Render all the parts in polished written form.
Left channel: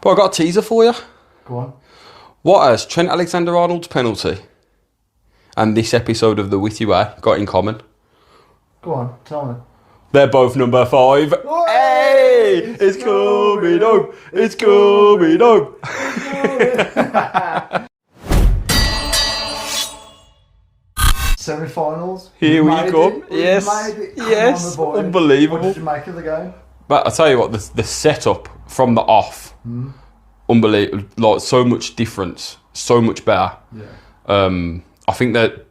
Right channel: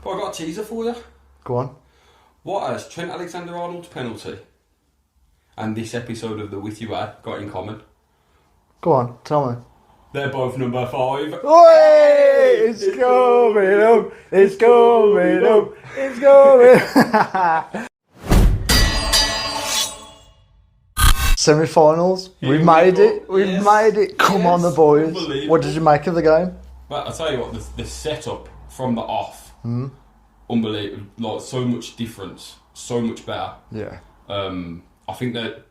But I got a teaser for you. Go on. What has Trent Alexander-Arnold's penalty and this episode of The Witty Way got in common? Go on, tell me. They're both number 5. Hey! It's coming up! It's coming up! It's coming! Semi-finals. Here we made go. it. We Yes. made it. Come Yes. on, the boys. Unbelievable. What did you make of the game? But I tell you what, the setup from the off, unbelievable. Like so much difference, so much better. Yeah. I think that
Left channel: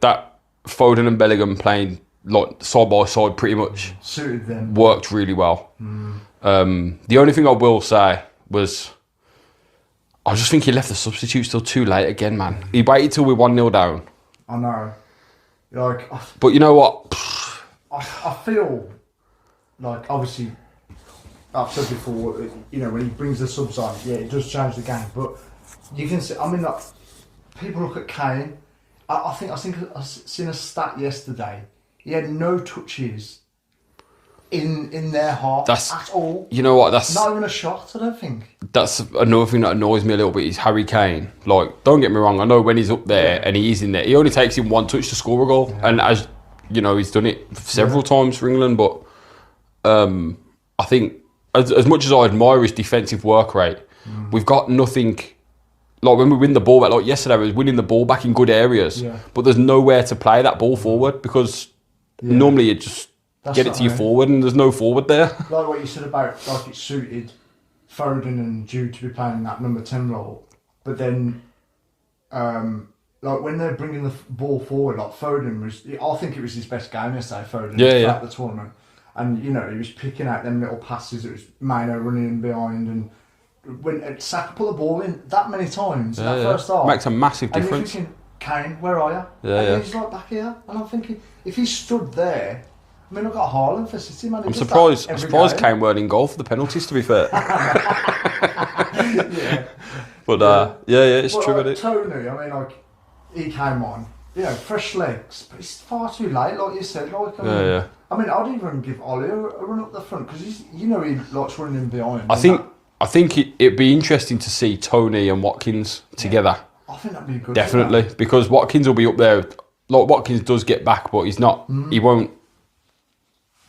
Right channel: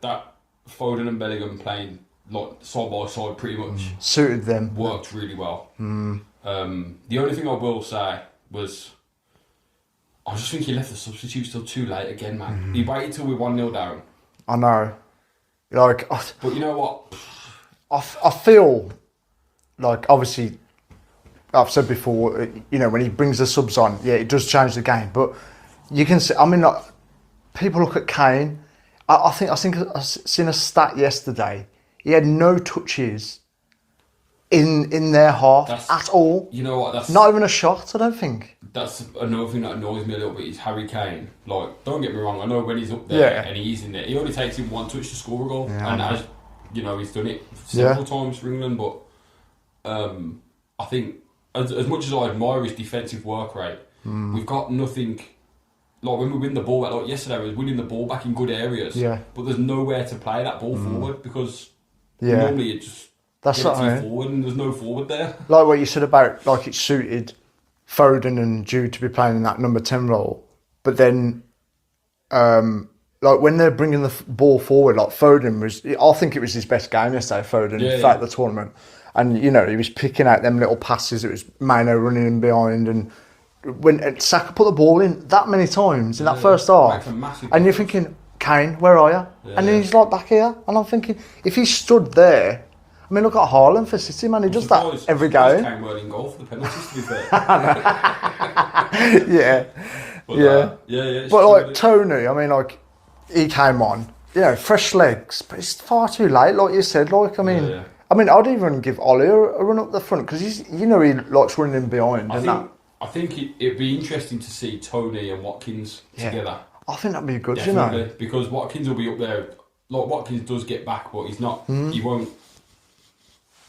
Foden and Bellingham playing like side by side pretty much Suited them. worked really well. The only thing I will say was, I just think he left the substitutes till too late again, man. He waited till we're 1-0 down. I know. Like, But you know what? I feel like, obviously, I've said before, you know, when he brings the subs on, yeah, it does change the game. But you can see, I mean, like, people look at Kane. I think I seen a stat yesterday. He had no touches in their half at all. You know what? That's Not even a shot, I don't think. That's another thing that annoys me a little bit is Harry Kane. Like, don't get me wrong, I know when he's up there and he is in there, he only takes him one touch to score a goal. Yeah. And as you know, he's done it several times for England. But I think as much as I admire his defensive work rate, we've got nothing. Like when we win the ball back, like yesterday, we was winning the ball back in good areas. Yeah. But there's nowhere to play that ball forward because normally you just get it to your forward and there's no forward there. Like what you said about, like, it suited Foden and Jude to be playing in that number 10 role. But then, like, when they're bringing the ball forward, like, Foden was, I think it was his best game yesterday, Foden, throughout the tournament. And, you know, he was picking out them little passes. It was Mano running in behind. And when Saka put the ball in that many times in that first half. Makes a massive and difference. you're thinking, Kane, where are you? Yeah, and then he's like back here. And I'm thinking, if he stood there, I mean, look at Haaland for City, man. He does that every game. I'm surprised Kane weren't in goal for the penalties, to be fair. Yeah. But it's but true. like Tony, I mean, like, he came on, you know, fresh legs, but it's far too late, like you said. Like, I mean, I'd even give Ollie a run up the front because he's, you know, he likes running in behind. I think it'd be interesting to see Tony and Watkins together. I think that'd be good. Definitely, You know? because Watkins will be up there. Like Watkins does get back, but he's not. He won't.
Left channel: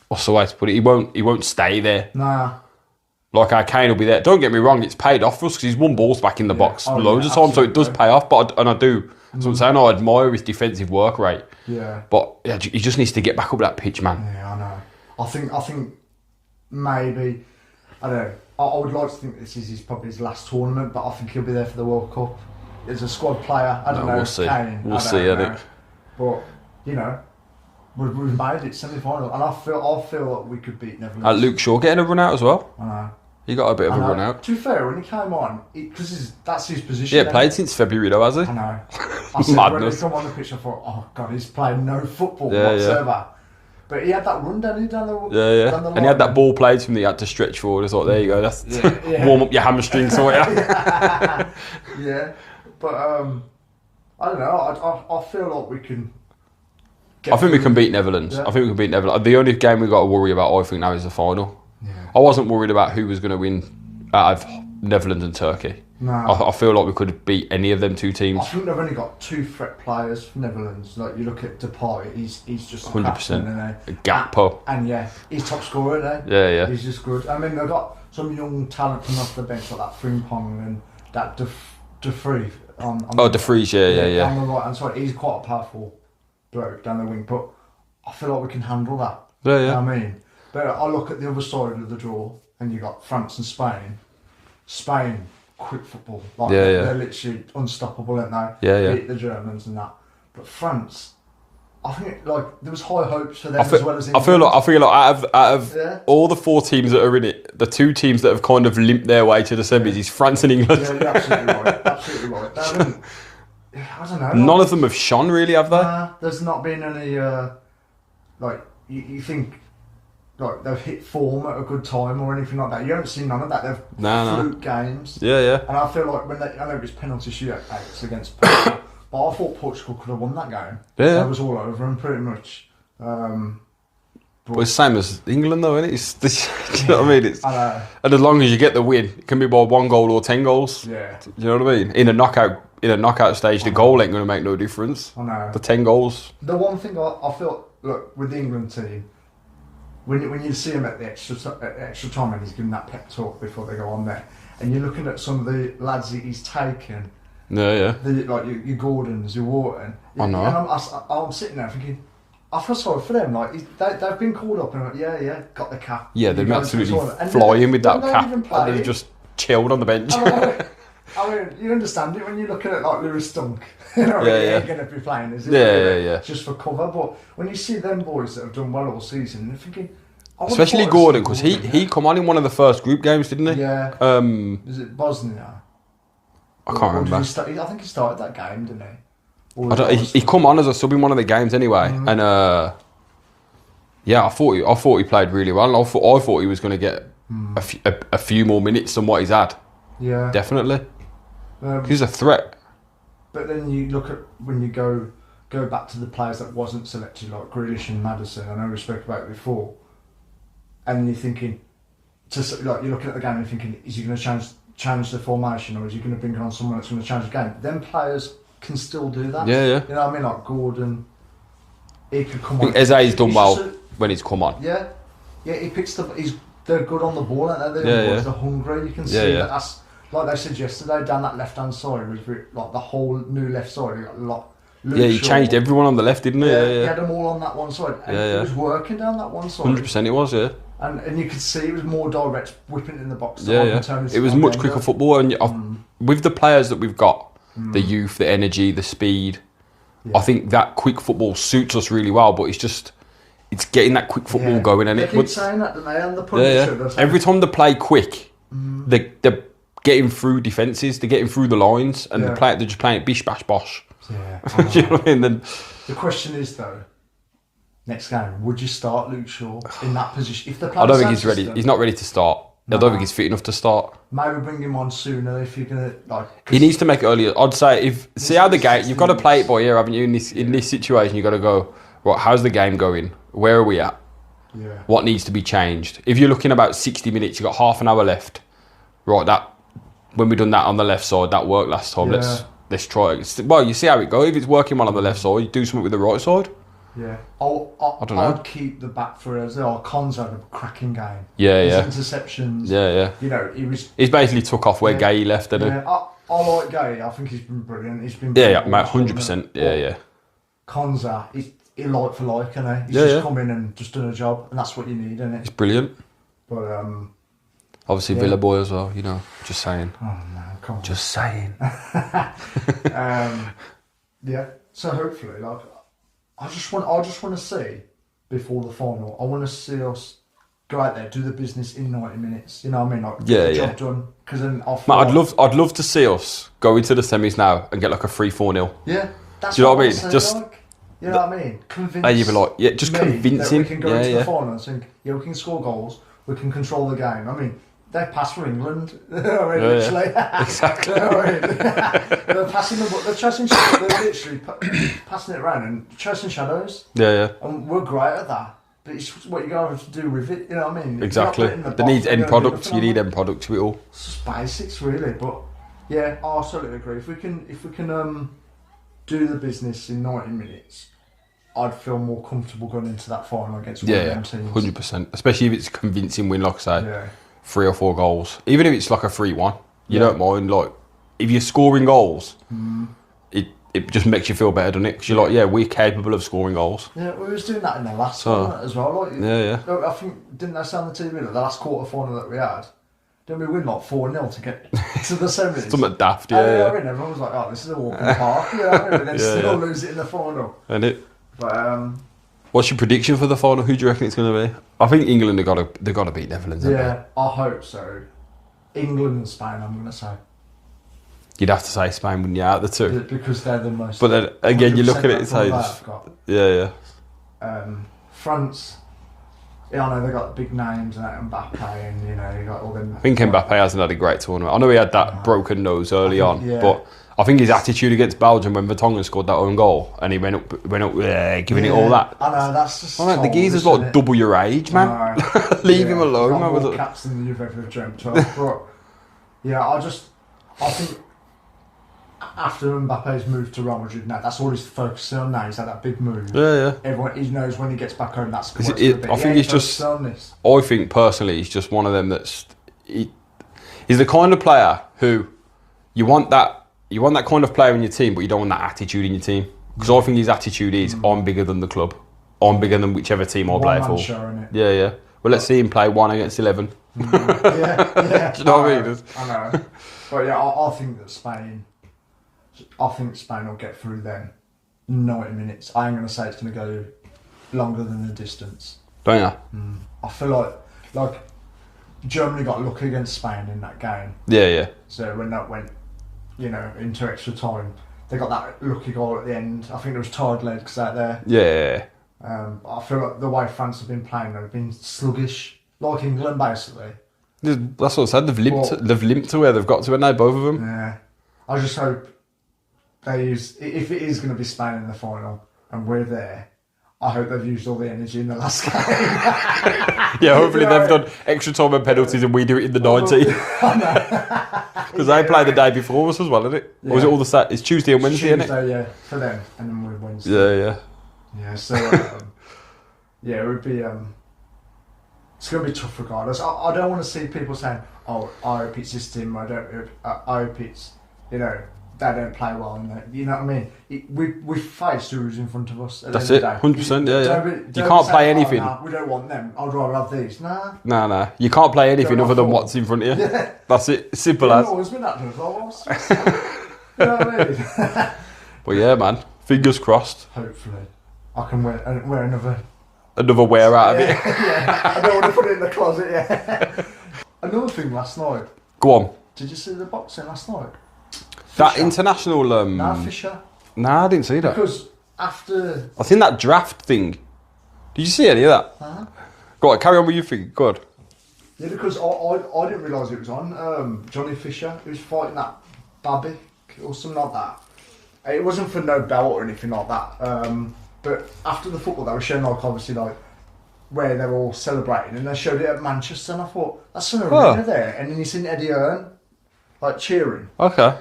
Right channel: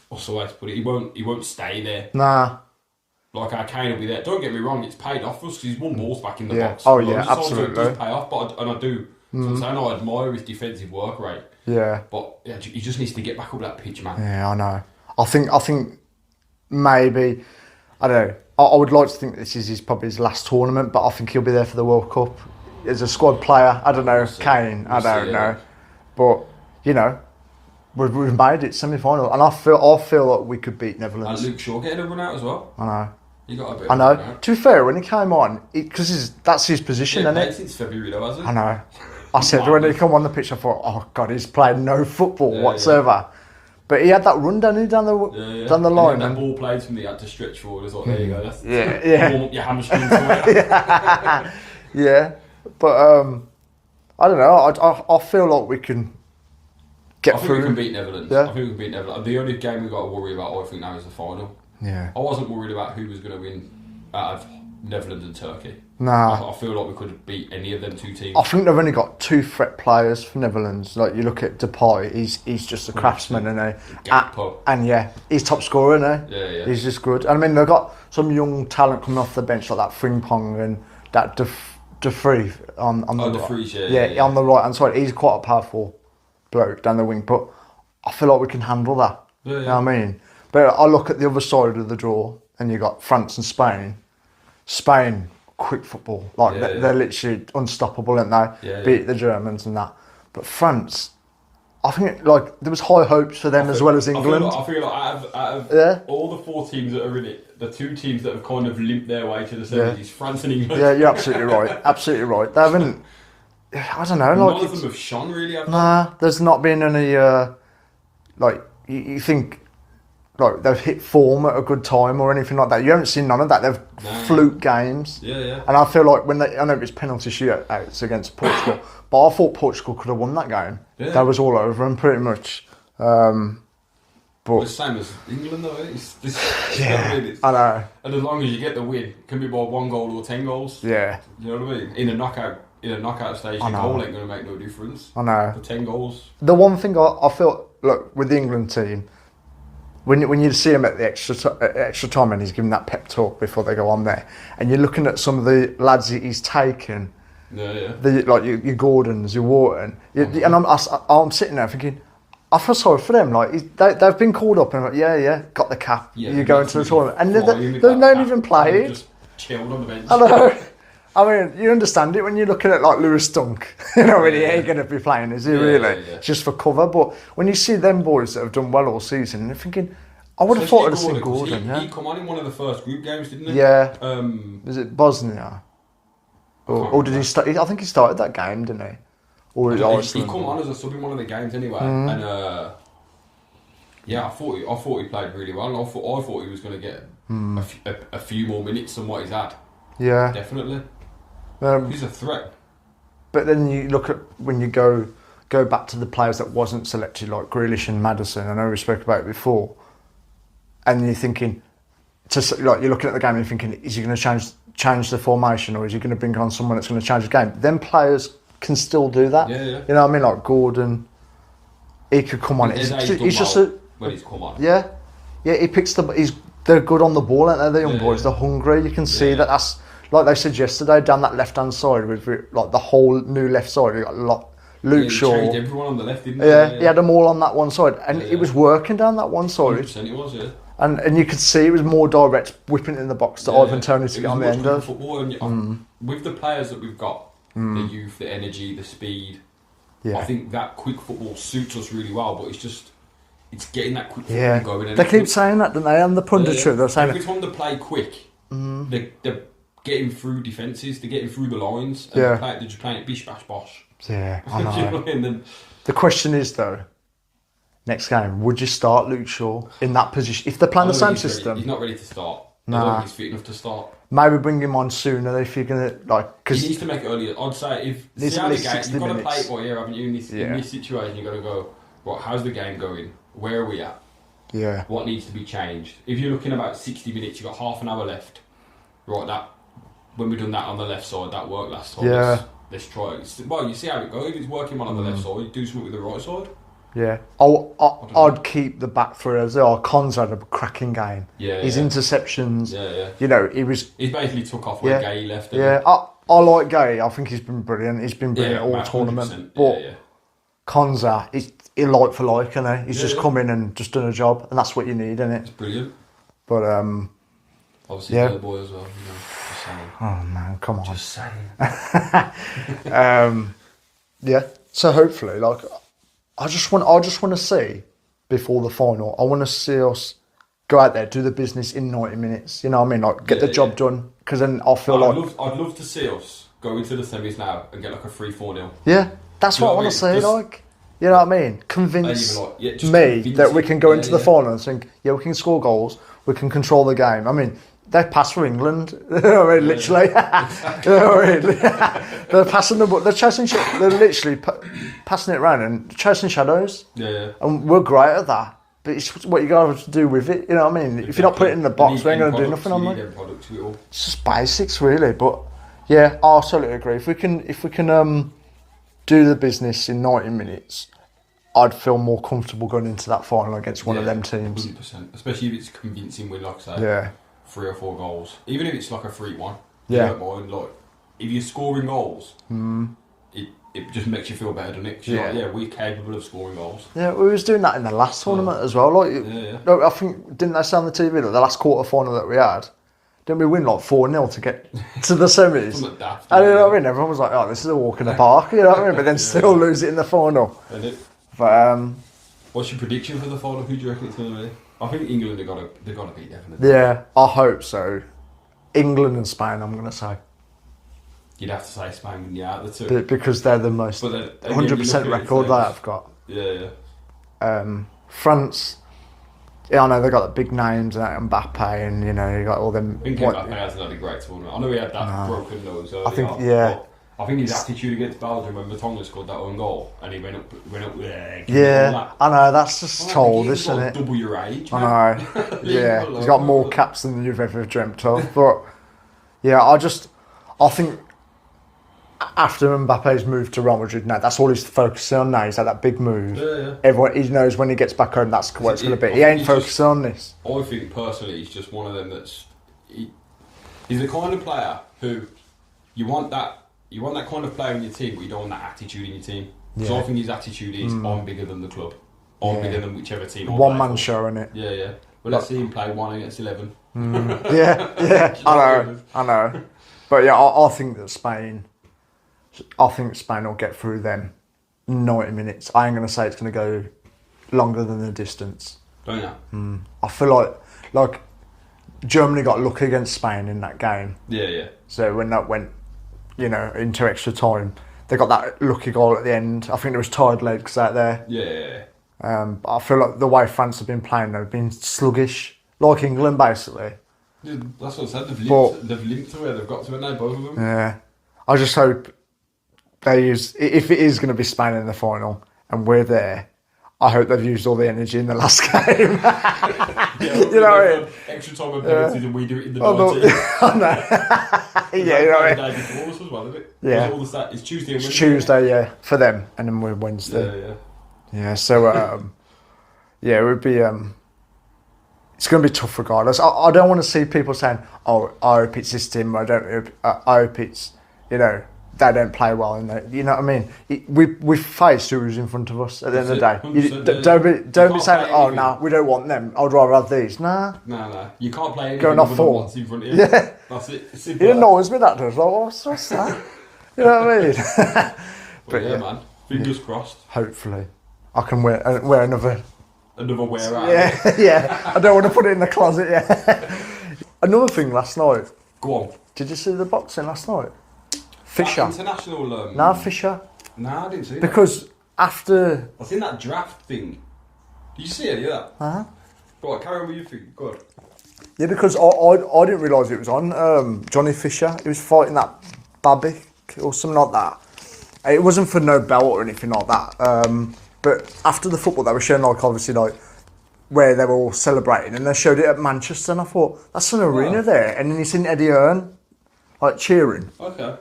What's the way to put it? He won't stay there. Nah. Like our Kane will be there. Don't get me wrong, it's paid off for us because he's won balls back in the box loads of times, so it does pay off. But I do. So I'm saying I admire his defensive work rate. Yeah. But he just needs to get back up that pitch, man. Yeah, I know. I think maybe, I don't know. I would like to think this is probably his last tournament, but I think he'll be there for the World Cup as a squad player. I don't know, Kane. I don't know. But you know, we've made it semi-final, and I feel like we could beat Netherlands. Luke Shaw getting a run out as well. I know. He got a bit of a run out. To be fair, when he came on, because that's his position. Yeah, played since February though, has he? I know. I said when he come on the pitch, I thought, oh God, he's playing no football whatsoever. But he had that run down the line. And he had that ball played to him that he had to stretch forward. I thought, there you go, that's warm up your hamstrings for you. Yeah, but I don't know. I feel like we can get. I think we can beat Netherlands. Yeah. I think we can beat Netherlands. The only game we've got to worry about, I think, now is the final. Yeah. I wasn't worried about who was going to win out of Netherlands and Turkey. Nah. I feel like we could beat any of them two teams. I think they've only got 2 threat players for Netherlands. Like, you look at Depay, he's just a 100%. craftsman, isn't he? Gakpo. And he's top scorer, isn't he? Yeah. He's just good. And I mean, they've got some young talent coming off the bench, like that Frimpong and that De Vrij on De Vrij, yeah. on the right hand side. He's quite a powerful bloke down the wing, but I feel like we can handle that. Yeah. You know what I mean? But I look at the other side of the draw, and you got France and Spain. Spain, quick football. Like they're literally unstoppable, aren't they? Yeah. Beat the Germans and that. But France, I think like there was high hopes for them as well as England. I feel like out of all the 4 teams that are in it, the 2 teams that have kind of limped their way to the semis is France and England. Yeah, you're absolutely right. Absolutely right. They haven't. I don't know. Like, none of them have shone really, have they? Nah, there's not been any. Like you think. Like they've hit form at a good time or anything like that. You haven't seen none of that. They've fluke games. Yeah. And I feel like I know it's penalty shootouts against Portugal, but I thought Portugal could have won that game. Yeah. That was all over them pretty much. But But it's the same as England, though, isn't it? It's this, you know what I mean? It's, I know. and as long as you get the win, it can be by 1 goal or 10 goals. Yeah. Do you know what I mean? In a knockout stage, the goal ain't going to make no difference. I know. The 10 goals. The one thing I feel, look, with the England team, when you see him at the extra time and he's giving that pep talk before they go on there, and you're looking at some of the lads that he's taken, like your Gordons, your Wharton, and I'm sitting there thinking, I feel sorry for them. Like they've been called up and I'm like, got the cap. Yeah, you're going to the tournament, and flying with that cap. Even playing. They've just chilled on the bench. I mean, you understand it when you're looking at like Lewis Dunk. You know, he ain't going to be playing, is he? Yeah. Just for cover. But when you see them boys that have done well all season, you're thinking, especially Gordon, because he come on in one of the first group games, didn't he? Yeah. Is it Bosnia? I can't remember. Or did he start? I think he started that game, didn't he? He come on as a sub in one of the games anyway, and I thought he played really well. I thought he was going to get a few more minutes than what he's had. Yeah, definitely. He's a threat. But then you look at when you go back to the players that wasn't selected, like Grealish and Maddison. I know we spoke about it before, and you're thinking, you're looking at the game and you're thinking, is he going to change the formation, or is he going to bring on someone that's going to change the game? Them players can still do that. Yeah. You know what I mean? Like Gordon, he could come on. Eze's done well when he's come on. Yeah, he picks they're good on the ball, aren't they? The young boys, they're hungry. You can see that's like they said yesterday down that left hand side with like the whole new left side. You got a lot. Luke Shaw. He changed everyone on the left, didn't he? Yeah, he had them all on that one side, and it was working down that one side. 100% it was, yeah. And you could see it was more direct, whipping in the box to Ivan Toney. It was much quicker football, and with the players that we've got, the youth, the energy, the speed, I think that quick football suits us really well. But it's getting that quick football going. And they keep saying that, don't they? And the punditry, every time they play quick, they're getting through defences, they're getting through the lines, and they're just playing it bish bash bosh. Yeah, Do you know what I mean? Then the question is though, next game, would you start Luke Shaw in that position? If they're playing, I don't think he's ready. He's not ready to start. I don't think he's fit enough to start. Maybe bring him on sooner if you're gonna He needs to make it earlier. I'd say see how the game. You've got to play it by ear, haven't you? In this situation, you've got to go. Right, how's the game going? Where are we at? Yeah. What needs to be changed? If you're looking about 60 minutes, you've got half an hour left. Right, when we done that on the left side, that worked last time. Yeah. Let's try it. Well, you see how it goes. If it's working well on the left side, you do something with the right side. Yeah. I'd keep the back three as well. Con's had a cracking game. Yeah, His interceptions. Yeah. You know, he's basically took off where Gay left, didn't he? I like Gay. I think he's been brilliant. He's been brilliant. Yeah, 100%. Yeah. Konza, he's like for like, isn't he? He's just come in and just done a job, and that's what you need, isn't it? It's brilliant. But obviously Villa boy as well, you know. Just saying. Oh man, come on. Just saying. Yeah. So hopefully, I just want to see before the final. I want to see us go out there, do the business in 90 minutes. You know what I mean? Like get the job done. Because then I feel I'd love to see us go into the semis now and get like a 3-4-0. Yeah, that's what I want to say. You know what I mean? Convince me that we can go into the final and think, we can score goals, we can control the game. I mean, they pass for England. You know what I mean? Literally. Exactly. You know what I mean? They're passing they're chasing. They're literally passing it around and chasing shadows. Yeah. And we're great at that. But it's what you got to do with it. You know what I mean? Exactly. If you're not putting it in the box, they need end products. You need end products to it all. It's just basics, really. But yeah, I absolutely agree. If we can do the business in 90 minutes, I'd feel more comfortable going into that final against one of them teams. 100%. Especially if it's a convincing win, like I say. Yeah. 3 or 4 goals. Even if it's like a 3-1, you don't mind. Like, if you're scoring goals, it just makes you feel better, doesn't it? Because you're like, we're capable of scoring goals. Yeah, we was doing that in the last one as well. Like, yeah. I think, didn't they say on the TV that the last quarter final that we had, didn't we win like 4-0 to get to the semis? Something daft, You know what I mean? Everyone was like, oh, this is a walk in the park, you know what I mean? But then still lose it in the final. And it. But, what's your prediction for the final? Who do you reckon it's going to be? I think England they've got to beat Netherlands. Yeah, I hope so. England and Spain, I'm going to say. You'd have to say Spain, wouldn't you, out of the two? Because they're the most. But then again, you look at it and say, I've got. Yeah. France. Yeah, I know they got the big names and Mbappe, and you got all them. I think Mbappe hasn't had a great tournament. I know he had that broken nose early on, but I think his attitude against Belgium when Vertonghen scored that own goal and he went up giving it all that. I know, that's just the geezer's like double your age, man. I know. Leave him alone. He's got more caps than you've ever dreamt of. But yeah, I think after Mbappe's moved to Real Madrid now, that's all he's focusing on now. He's had that big move. Yeah. Everyone, he knows when he gets back home, that's what it's going to be. He ain't focusing on this. I think personally, he's just one of them he's the kind of player who you want that kind of player in your team, but you don't want that attitude in your team. Because I think his attitude is, I'm bigger than the club. I'm bigger than whichever team I play for. One man show, innit? Yeah. Well, let's see him play 1 against 11. Yeah. Do you know what I mean? I know. But yeah, I think that Spain will get through them 90 minutes. I ain't going to say it's going to go longer than the distance. Don't you? I feel like Germany got lucky against Spain in that game. Yeah. So when that went, into extra time, they got that lucky goal at the end. I think there was tired legs out there. Yeah. I feel like the way France have been playing, they've been sluggish, like England basically. That's what I said. They've limped to where they've got to, and now both of them. Yeah. I just hope they use, if it is going to be Spain in the final and we're there, I hope they've used all the energy in the last game. Yeah, hopefully they've done extra time and penalties and we do it in the 90. I know. Because they play the day before us as well, isn't it? Yeah. Or is it all the it's Tuesday and Wednesday? Tuesday, yeah, for them, and then we're Wednesday. Yeah. Yeah, so it would be. It's going to be tough regardless. I don't want to see people saying, "Oh, I hope it's this team." I hope it's they don't play well in that. You know what I mean? We faced who was in front of us at the end of the day. 100%. Don't can't be play saying, anything. Oh, nah, we don't want them. I'd rather have these. Nah. You can't play anything other than what's in front of you. Yeah. That's it. Simple as. It annoys me that does. Like, what's that? You know what I mean? Well, yeah, man. Fingers crossed. Hopefully, I can wear another wear out of it. Yeah. I don't want to put it in the closet. Yeah. Another thing last night. Go on. Did you see the boxing last night? That international... No, Fisher. Nah, I didn't see that. Because after... I think that draft thing... Did you see any of that? Uh-huh. Go on, carry on with your thing. Go on. Yeah, because I didn't realise it was on. Johnny Fisher, he was fighting that Babic or something like that. It wasn't for no belt or anything like that. But after the football, they were showing, obviously, where they were all celebrating. And they showed it at Manchester, and I thought, that's an arena there. And then you seen Eddie Hearn, cheering. Okay.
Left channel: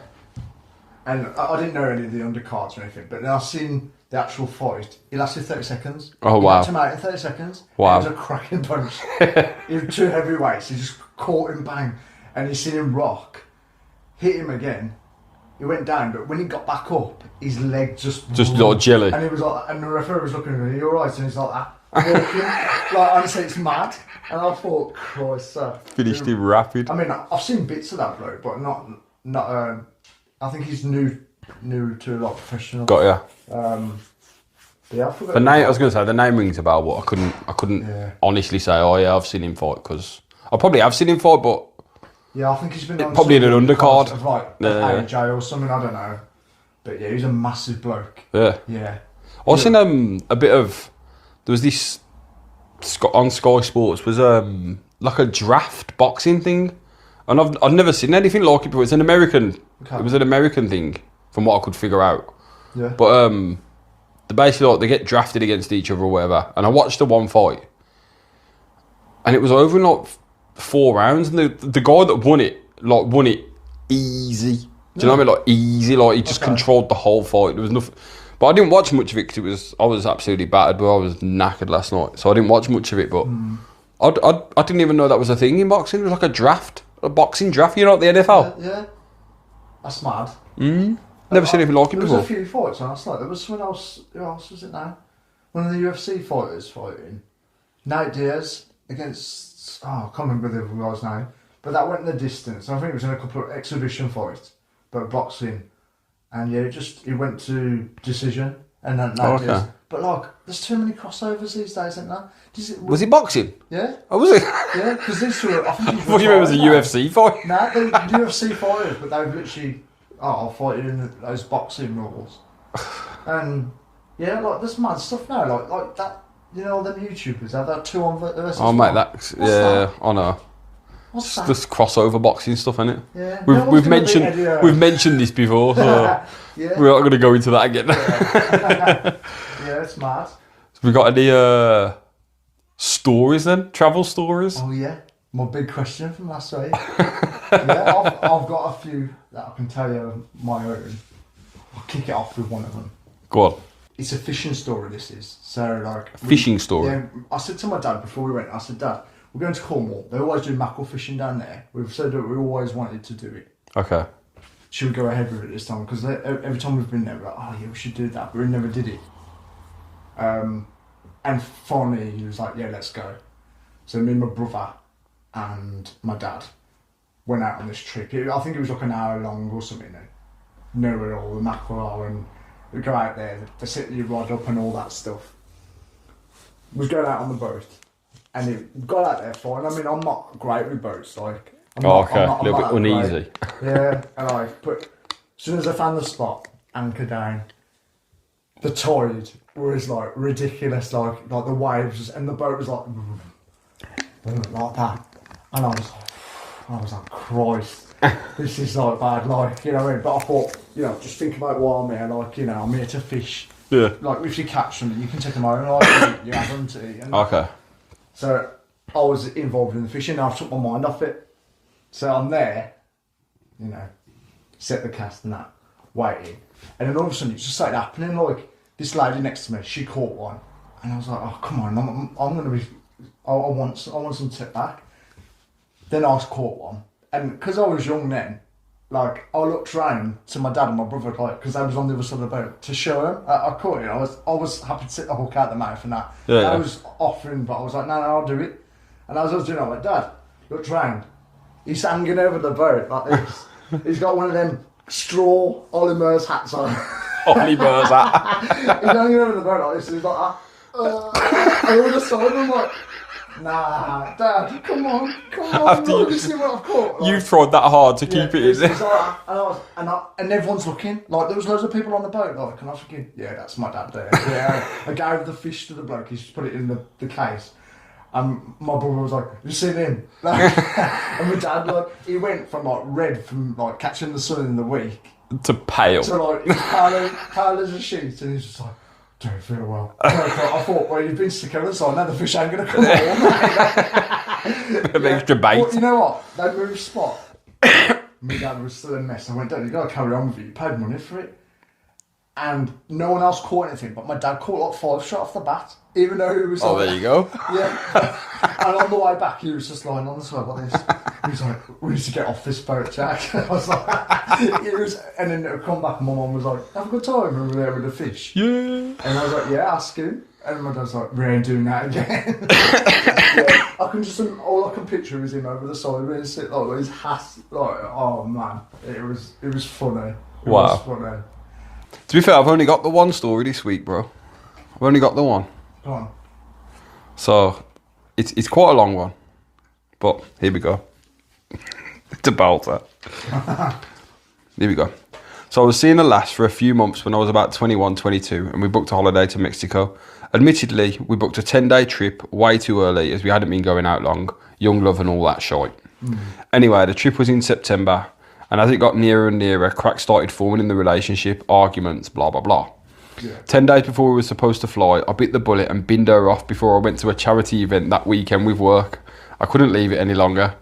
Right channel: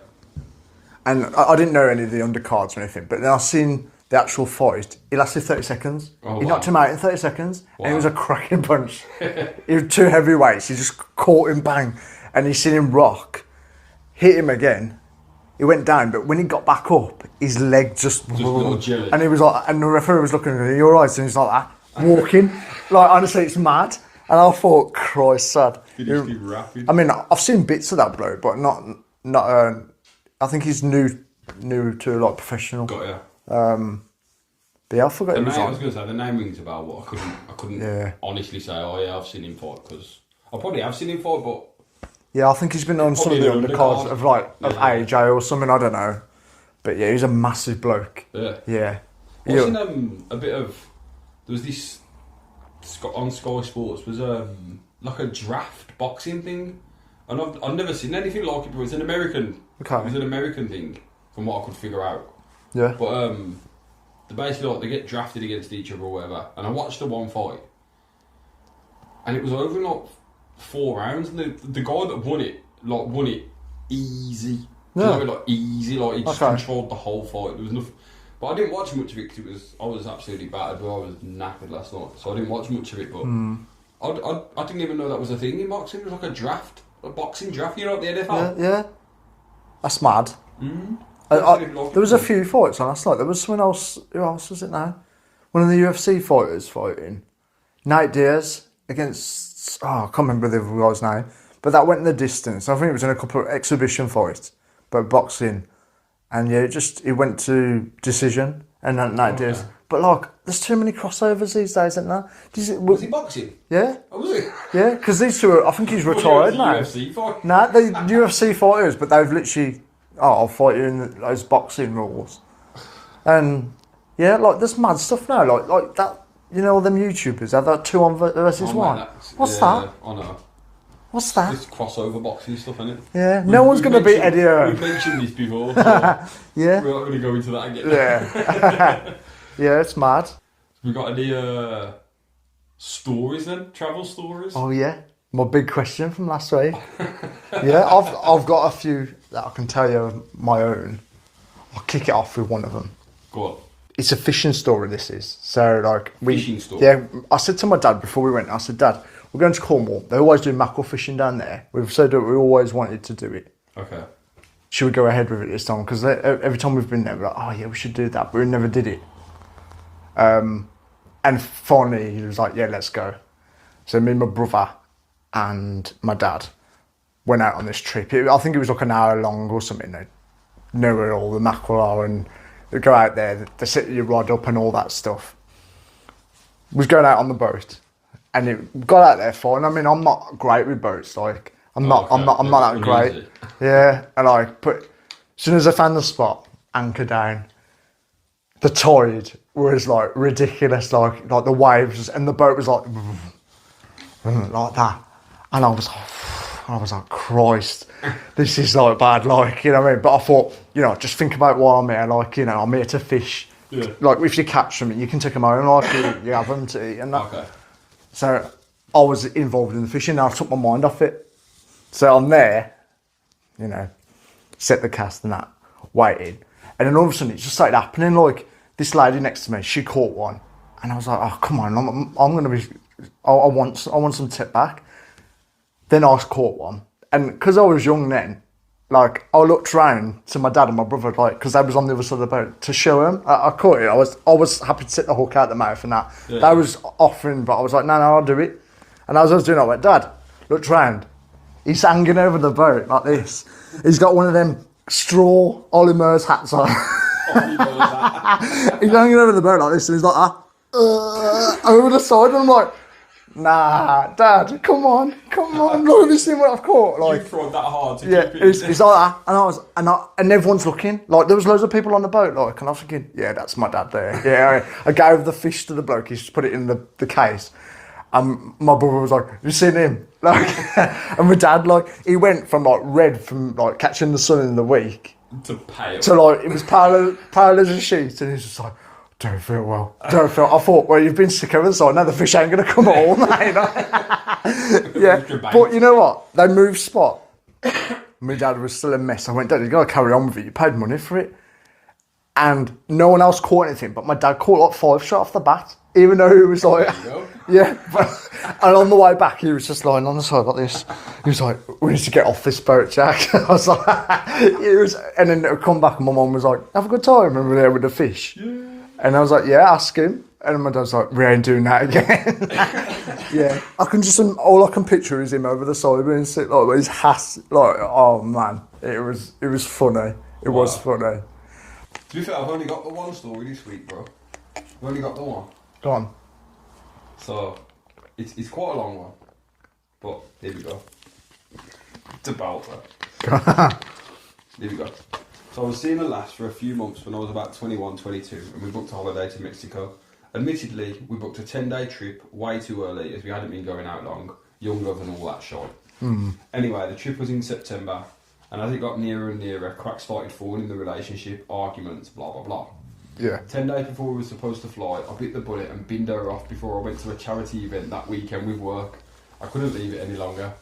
And I didn't know any of the undercards or anything, but then I seen the actual fight. It lasted 30 seconds. Oh, he wow. knocked him out in 30 seconds. Wow. And it was a cracking punch. It was two heavyweights. He just caught him, bang. And you seen him rock, hit him again. He went down, but when he got back up, his leg just like jelly. And he was and the referee was looking at him, "You're right," and he's like that, walking. Honestly, it's mad. And I thought, Christ, sad. Finished him rapid. I mean, I've seen bits of that bloke, but not. I think he's new to professional. Got ya. But yeah, I forgot. The name, I was going to say the name rings a bell, but I couldn't honestly say. Oh yeah, I've seen him fight because I probably have seen him fight, but yeah, I think he's been on probably in an undercard of AJ or something. I don't know, but yeah, he's a massive bloke. Yeah. I seen a bit of. There was this on Sky Sports was like a draft boxing thing. And I've never seen anything like it before. It's an American. Okay. It was an American thing, from what I could figure out. Yeah. But they basically they get drafted against each other or whatever. And I watched the one fight, and it was over in 4 rounds. And the guy that won it easy. Do you know what I mean? Easy. He just controlled the whole fight. There was nothing. But I didn't watch much of it because I was absolutely battered. But I was knackered last night, so I didn't watch much of it. But I didn't even know that was a thing in boxing. It was like a draft. A boxing draft, the NFL? Yeah. That's mad. Never seen anything like it before. There was a few fights on last night. There was someone else. Who else was it now? One of the UFC fighters fighting. Nate Diaz against... I can't remember the other guy's name. But that went in the distance. I think it was in a couple of exhibition fights. But boxing. And yeah, it went to decision. And then Nate Diaz... But there's too many crossovers these days, isn't there? Was he boxing? Yeah. Oh, was he? Yeah, because these two I think he's retired. It was a UFC fight. Nah, they're UFC fighters, but they've literally, I'll fight you in those boxing rules. And yeah, there's mad stuff now, like that. All them YouTubers have that 2 on versus 1. Mate, what's that? I know. What's that? This crossover boxing stuff, isn't it? Yeah. No one's going to beat Eddie Hearn. We've mentioned this before, so Yeah. we're not going to go into that again. Yeah. Yeah, it's mad. We got any stories then? Travel stories? Oh yeah, my big question from last week. Yeah, I've got a few that I can tell you my own. I'll kick it off with one of them. Go on. It's a fishing story. This is so like Fishing story? Yeah, I said to my dad before we went. I said, Dad, we're going to Cornwall. They always do mackerel fishing down there. We've said that we always wanted to do it. Okay. Should we go ahead with it this time? Because every time we've been there, we're like, oh yeah, we should do that, but we never did it. And finally, he was like, yeah, let's go. So me and my brother and my dad went out on this trip. I think it was like an hour long or something. They know where all the mackerel are and they go out there, they set your rod up and all that stuff. We was going out on the boat and it got out there fine. I mean, I'm not great with boats. Like, I'm not that great. Yeah, and as soon as I found the spot, anchor down, the tide was like ridiculous, like the waves, and the boat was like that, and I was like, Christ, this is like bad, like, you know what I mean? But I thought, you know, just think about why I'm here, like, you know, I'm here to fish. Yeah. Like if you catch them, you can take them home, like you have them to eat. And okay. So I was involved in the fishing, and I took my mind off it. So I'm there, you know, set the cast and that, waiting, and then all of a sudden it just started happening, like. This lady next to me, she caught one, and I was like, "Oh, come on! I'm gonna be. I want some tip back." Then I caught one, and because I was young then, like I looked round to my dad and my brother, like because they was on the other side of the boat to show them. I caught it. I was happy to take the hook out the mouth and that. Yeah, was offering, but I was like, "No, I'll do it." And as I was doing it, I went, "Dad, looked round. He's hanging over the boat like this. He's got one of them straw Ollie Murs hats on." Ollie Murs hat. He's hanging over the boat like this, and he's like over the side, and I'm like, nah, Dad, come on, look, this is what I've caught. Like, You've tried that hard to keep it. He's like that, and everyone's looking, like there was loads of people on the boat, like, and I was thinking, yeah, that's my dad there. Yeah, I gave the fish to the bloke. He's just put it in the case. And my brother was like, "You seen him?" Like, and my dad, like, he went from like red from like catching the sun in the week. To pale. To like, it was pale as a sheet, and he's just like, don't feel well. I thought, well, you've been sick over the side, now the fish ain't going to come home, mate. Yeah. Extra bait. But you know what? They moved spot. My dad was still a mess. I went, Dad, you got to carry on with it. You paid money for it. And no one else caught anything, but my dad caught like 5 shot off the bat, even though it was like... there you go. Yeah. And on the way back, he was just lying on the side like this. He was like, we need to get off this boat, Jack. I was like... And then it would come back and my mum was like, have a good time, and we were there with the fish. Yeah. And I was like, yeah, ask him. And my dad's like, we ain't doing that again. Yeah. All I can picture is him over the side with his, like, with his hat. Like, oh man, it was funny. It was funny. To be fair, I've only got the one story this week, bro. I've only got the one. Go on. So, it's quite a long one. But, here we go. It's a belter. Here we go. So, I was seeing a lass for a few months when I was about 21, 22, and we booked a holiday to Mexico. Admittedly, we booked a 10-day trip way too early as we hadn't been going out long. Young love and all that shite. Anyway, the trip was in September, and as it got nearer and nearer, cracks started forming in the relationship, arguments, blah, blah, blah. Yeah. 10 days before we were supposed to fly, I bit the bullet and binned her off before I went to a charity event that weekend with work. I couldn't leave it any longer.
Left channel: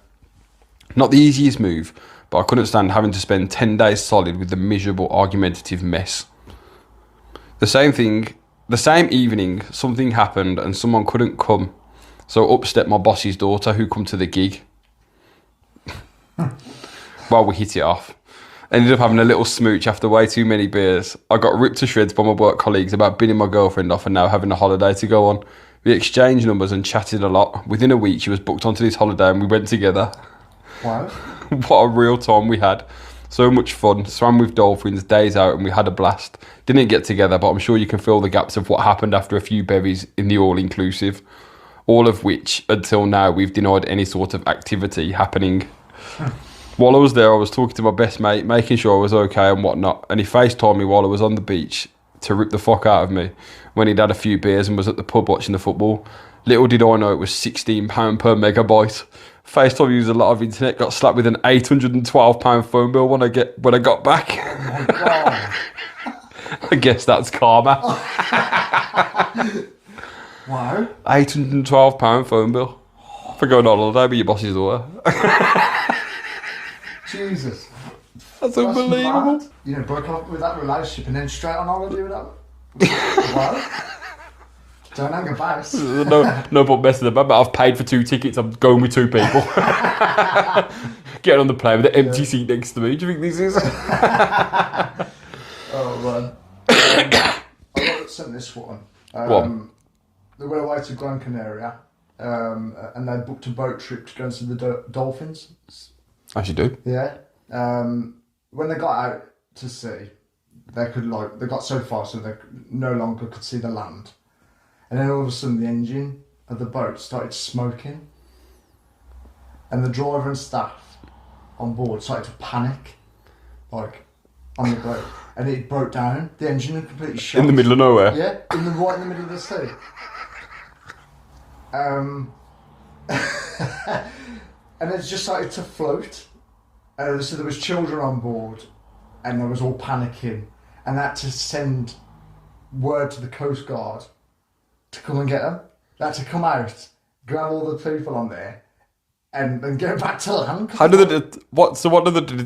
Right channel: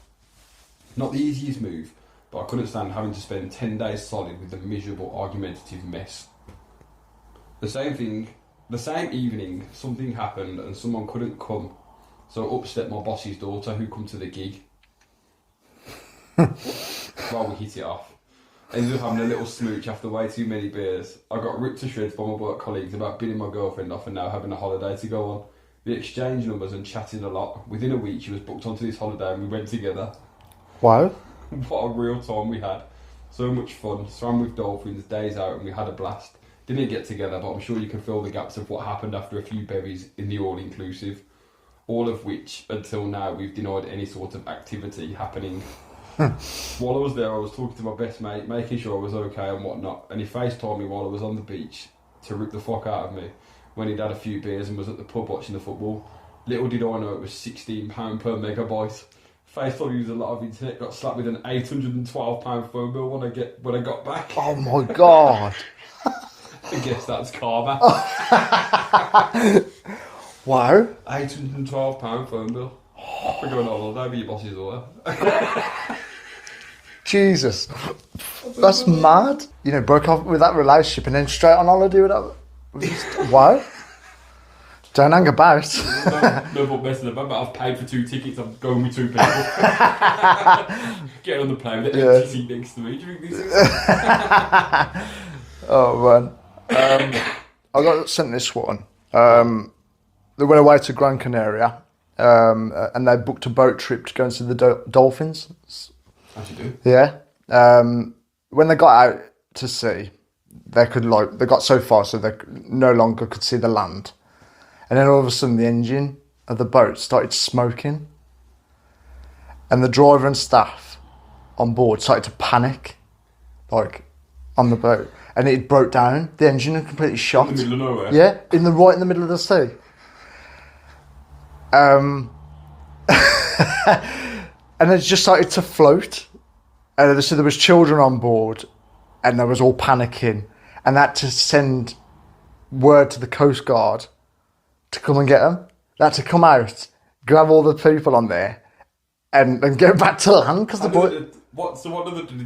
Not the easiest move, but I couldn't stand having to spend 10 days solid with the miserable, argumentative mess. The same evening, something happened and someone couldn't come. So up stepped my boss's daughter who come to the gig. Well, we hit it off. Ended up having a little smooch after way too many beers. I got ripped to shreds by my work colleagues about binning my girlfriend off and now having a holiday to go on. We exchanged numbers and chatted a lot. Within a week, she was booked onto this holiday and we went together. Wow. What a real time we had. So much fun. Swam with dolphins, days out, and we had a blast. Didn't get together, but I'm sure you can fill the gaps of what happened after a few bevies in the all-inclusive. All of which, until now, we've denied any sort of activity happening. While I was there, I was talking to my best mate, making sure I was okay and whatnot, and he FaceTimed me while I was on the beach to rip the fuck out of me when he'd had a few beers and was at the pub watching the football. Little did I know it was £16 per megabyte. FaceTime used a lot of internet. Got slapped with an £812 phone bill when I got back. Oh my God. I guess that's karma. Wow. £812 phone bill for going on holiday with your boss's daughter. Jesus. That's mad. You know, broke off with that relationship and then straight on holiday with that. Wow. Don't hang about. No point messing about, but I've paid for 2 tickets. I'm going with 2 people. Getting on the plane with the empty seat next to me. Do you think this is? Oh, man. I got sent this one. They went away to Gran Canaria and they booked a boat trip to go and see the dolphins. As you do. Yeah. When they got out to sea, they got so far so they no longer could see the land. And then all of a sudden the engine of the boat started smoking. And the driver and staff on board started to panic, like, on the boat. And it broke down. The engine had completely shot. In the middle of nowhere? Yeah, right in the middle of the sea. And it just started to float. And so there was children on board and they was all panicking. And that to send word to the Coast Guard to come and get them. They had to come out, grab all the people on there, and get back to land. How did did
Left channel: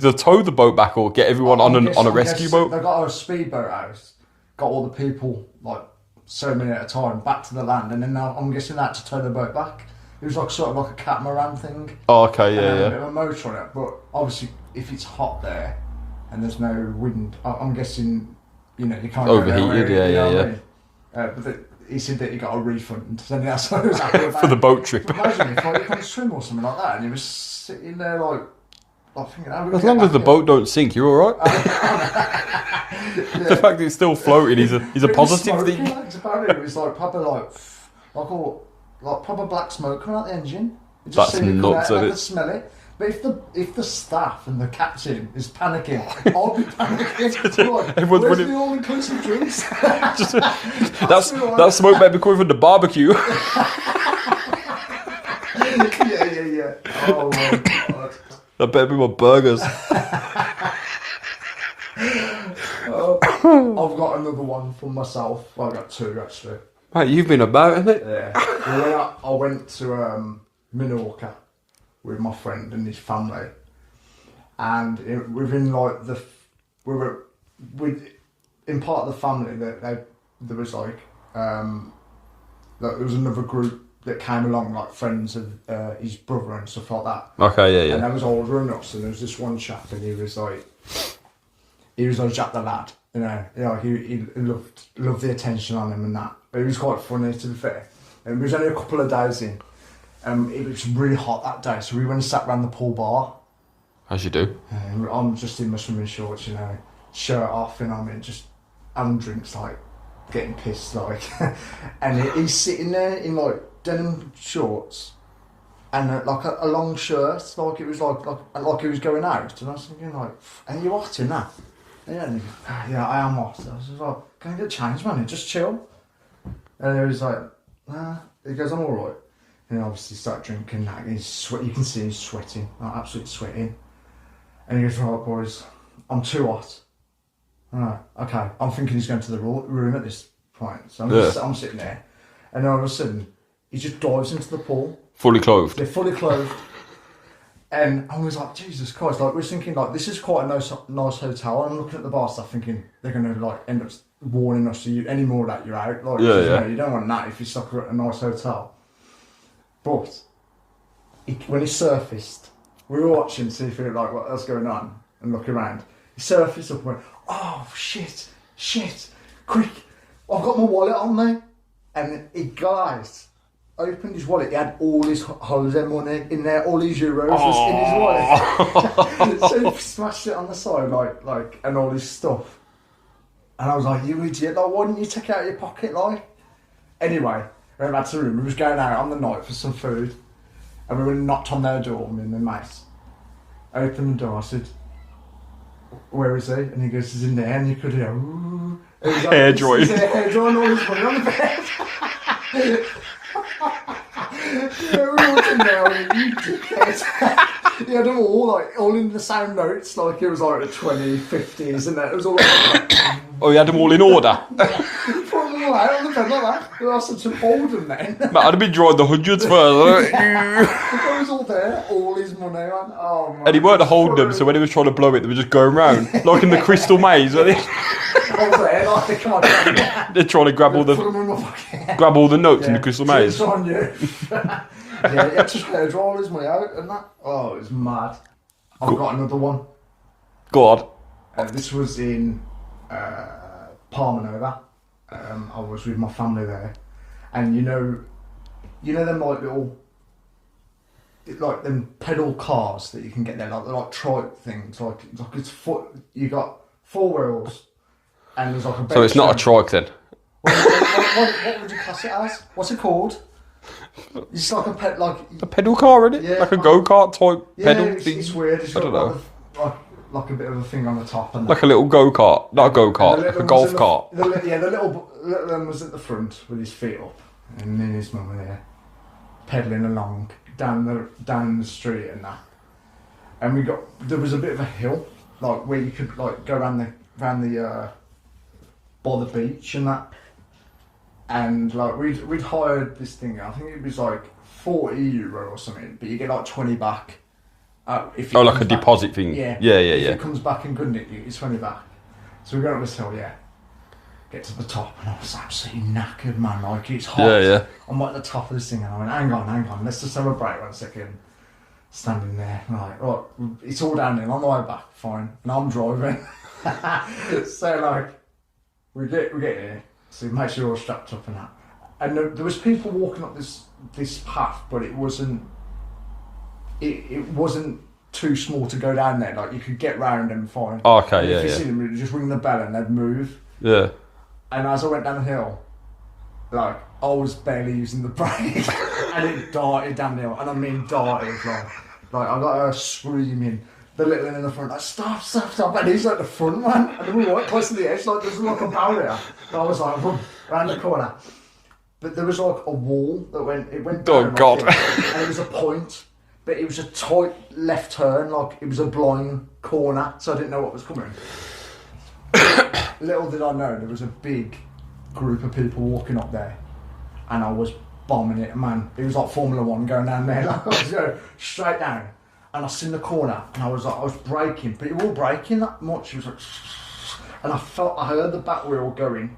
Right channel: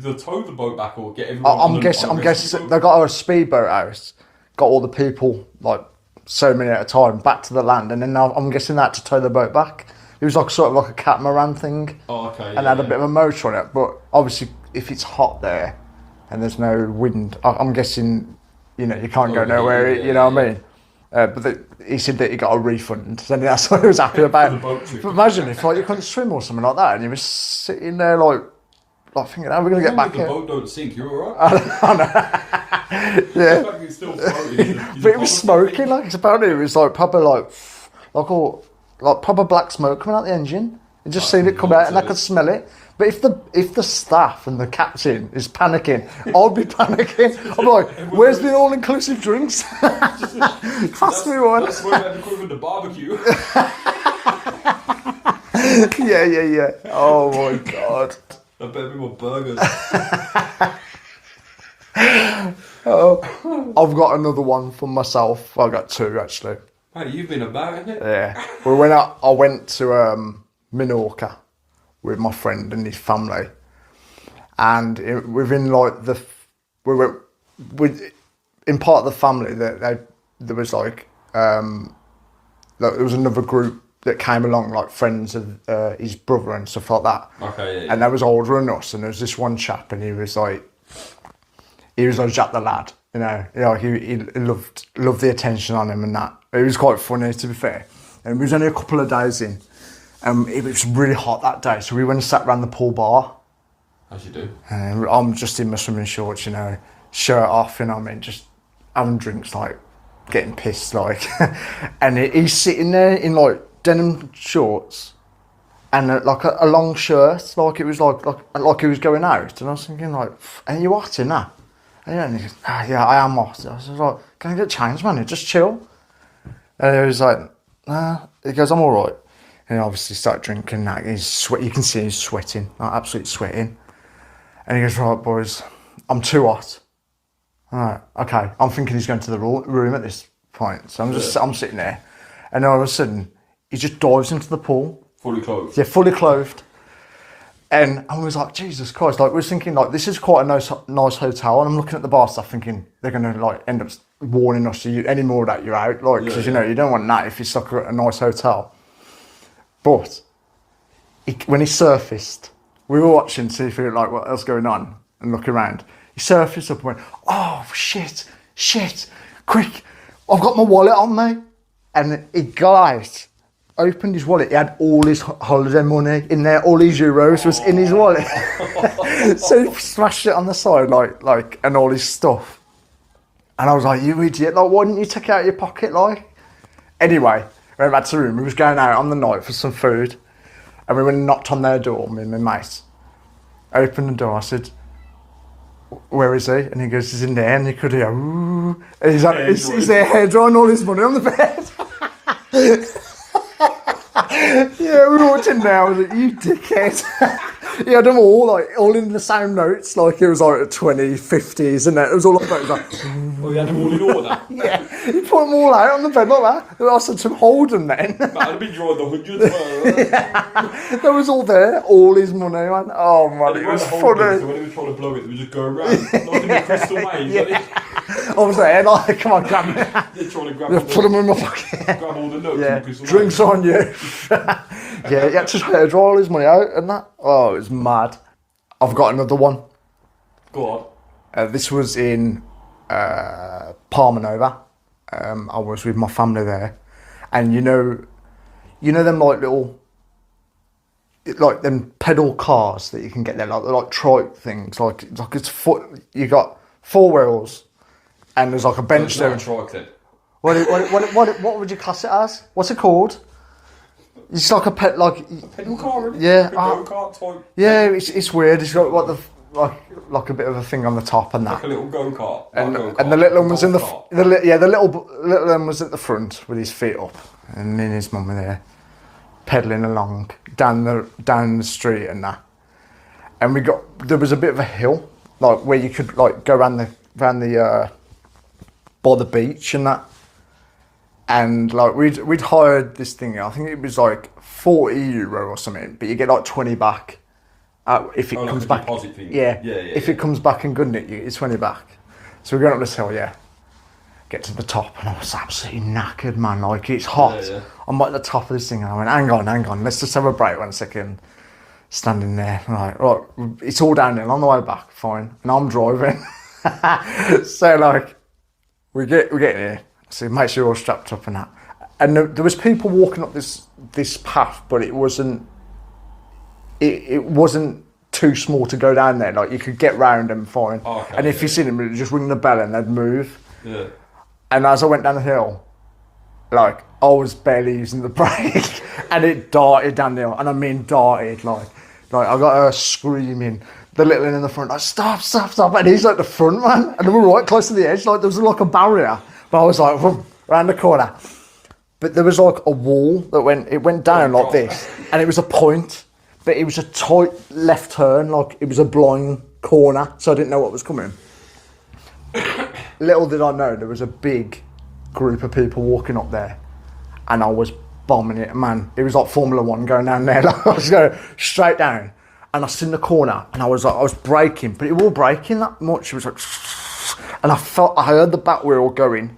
they tow the boat back or get everyone on a rescue boat? They got a speedboat out, got all the people, like, so many at a time, back to the land, and then I'm guessing that to tow the boat back. It was like sort of like a catamaran thing. Oh, okay, yeah. And had a bit of a motor on it, but obviously if it's hot there and there's no wind, I'm guessing, you know, you can't go nowhere, you know what I mean? But he said that he got a refund, and that's what he was happy about. For the boat trip. But imagine if, like, you couldn't swim or something like that, and you were sitting there, like thinking, how are we going to get back? As long as the boat don't sink, you're all right. The fact that it's still floating is a positive smoking, thing. Like, it's apparently it was like proper, like proper black smoke coming out the engine. You just seen it come out, and I could smell it. But if the staff and the captain is panicking, I'll be panicking. I'm like, where's the all-inclusive drinks? That smoke might be coming from the barbecue. Yeah. Oh my God. That better be my burgers. I've got another one for myself. I've got 2 actually. Mate, you've been about, isn't it? Yeah. Well, I went to Minorca with my friend and his family, and within like in part of the family that there was like there was another group that came along, like friends of his brother and stuff like that. Okay, yeah. And they was older than us, and there was this one chap, and he was like Jack the lad, you know. He loved the attention on him and that. It was quite funny, to be fair. And it was only a couple of days in. It was really hot that day, so we went and sat around the pool bar. As you do. And I'm just in my swimming shorts, you know, shirt off, you know what I mean, just having drinks, like, getting pissed, like. And he's sitting there in, like, denim shorts and, like, a long shirt, like it was like he was going out. And I was thinking, like, are you hot in that? And he goes, yeah, I am hot. I was like, can I get changed, man? Just chill. And he was like, nah. He goes, I'm all right. And he obviously started drinking that. You can see he's sweating, like absolutely sweating. And he goes, right, boys, I'm too hot. All right, okay. I'm thinking he's going to the room at this point. So I'm sitting there. And all of a sudden, he just dives into the pool. Fully clothed? Yeah, fully clothed. And I was like, Jesus Christ. Like, we were thinking, like, this is quite a nice hotel. And I'm looking at the bar staff thinking, they're going to, like, end up warning us, any more that you're out. Like, because, you know, you don't want that if you're stuck at a nice hotel. But when he surfaced, we were watching to see if like what else going on and look around. He surfaced up and went, oh shit, quick, I've got my wallet on me. And he opened his wallet. He had all his holiday money in there, all his euros was in his wallet. So he smashed it on the side like and all his stuff. And I was like, you idiot, like, why didn't you take it out of your pocket, like? Anyway, we went back to the room. We was going out on the night for some food, and we went and knocked on their door, me and my mate. I opened the door, I said, where is he? And he goes, he's in there, and you could hear, ooh. And he's there hair drying all his money on the bed. Yeah, we walked in there with it, you dickhead. He had them all in the same notes, like it was like 2050s and that. It was all like, Oh, you had them all in order? yeah, he put them all out on the bed like that. I said to him, hold them then. Mate, I'd have been drawing the hundreds first. That was all there, all his money, man. Oh, man. And he weren't holding them, so when he was trying to blow it, they were just going round, like in the crystal maze. Like this. I was there, like, come on, grab me. They're trying to grab all Put them in my pocket. grab all the notes in the crystal maze. Drinks on you. Yeah, he had to draw all his money out and that. Oh, it was mad. I've got another one. Go on. This was in Palma Nova. I was with my family there, and you know them like little, like them pedal cars that you can get there, like trike things, like it's foot. You got 4 wheels, and there's like a bench. So it's not there. a trike then. What would you class it as? What's it called? It's like a pedal car, isn't it? Yeah, like a go-kart type. Yeah, pedal it's weird. It's got like a bit of a thing on the top and that. Like a little go-kart, not a go-kart, and the little a golf cart. the little one was at the front with his feet up, and me and his mum were there, pedalling along down the street and that. And there was a bit of a hill, like where you could like go around the by the beach and that. And like we'd hired this thing. I think it was like €40 or something, but you get like 20 back. If it like comes a back. deposit thing. Yeah. If yeah. it comes back and good at you, it's 20 back. So we're going up this hill, yeah. Get to the top, and I was absolutely knackered, man. Like it's hot. Yeah. I'm at the top of this thing, and I went, hang on, let's just have a break 1 second. Standing there, right, it's all downhill on the way back, fine, and I'm driving. So like, we get here. So make sure you're all strapped up and that. And there was people walking up this path, but it wasn't too small to go down there. Like you could get round them fine. Oh, okay. And if you see them, you'd just ring the bell and they'd move. Yeah. And as I went down the hill, like I was barely using the brake, and it darted down the hill, and I mean darted. Like I got her screaming. The little one in the front, like stop, and he's like the front man, and we were right close to the edge. Like there was like a barrier. But I was like, around the corner. But there was like a wall that went down like this. And it was a point. But it was a tight left turn, like it was a blind corner. So I didn't know what was coming. Little did I know, there was a big group of people walking up there. And I was bombing it, man. It was like Formula 1 going down there. Like, I was going straight down. And I seen the corner. And I was braking. But it wasn't braking that much. It was like... And I heard the back wheel going.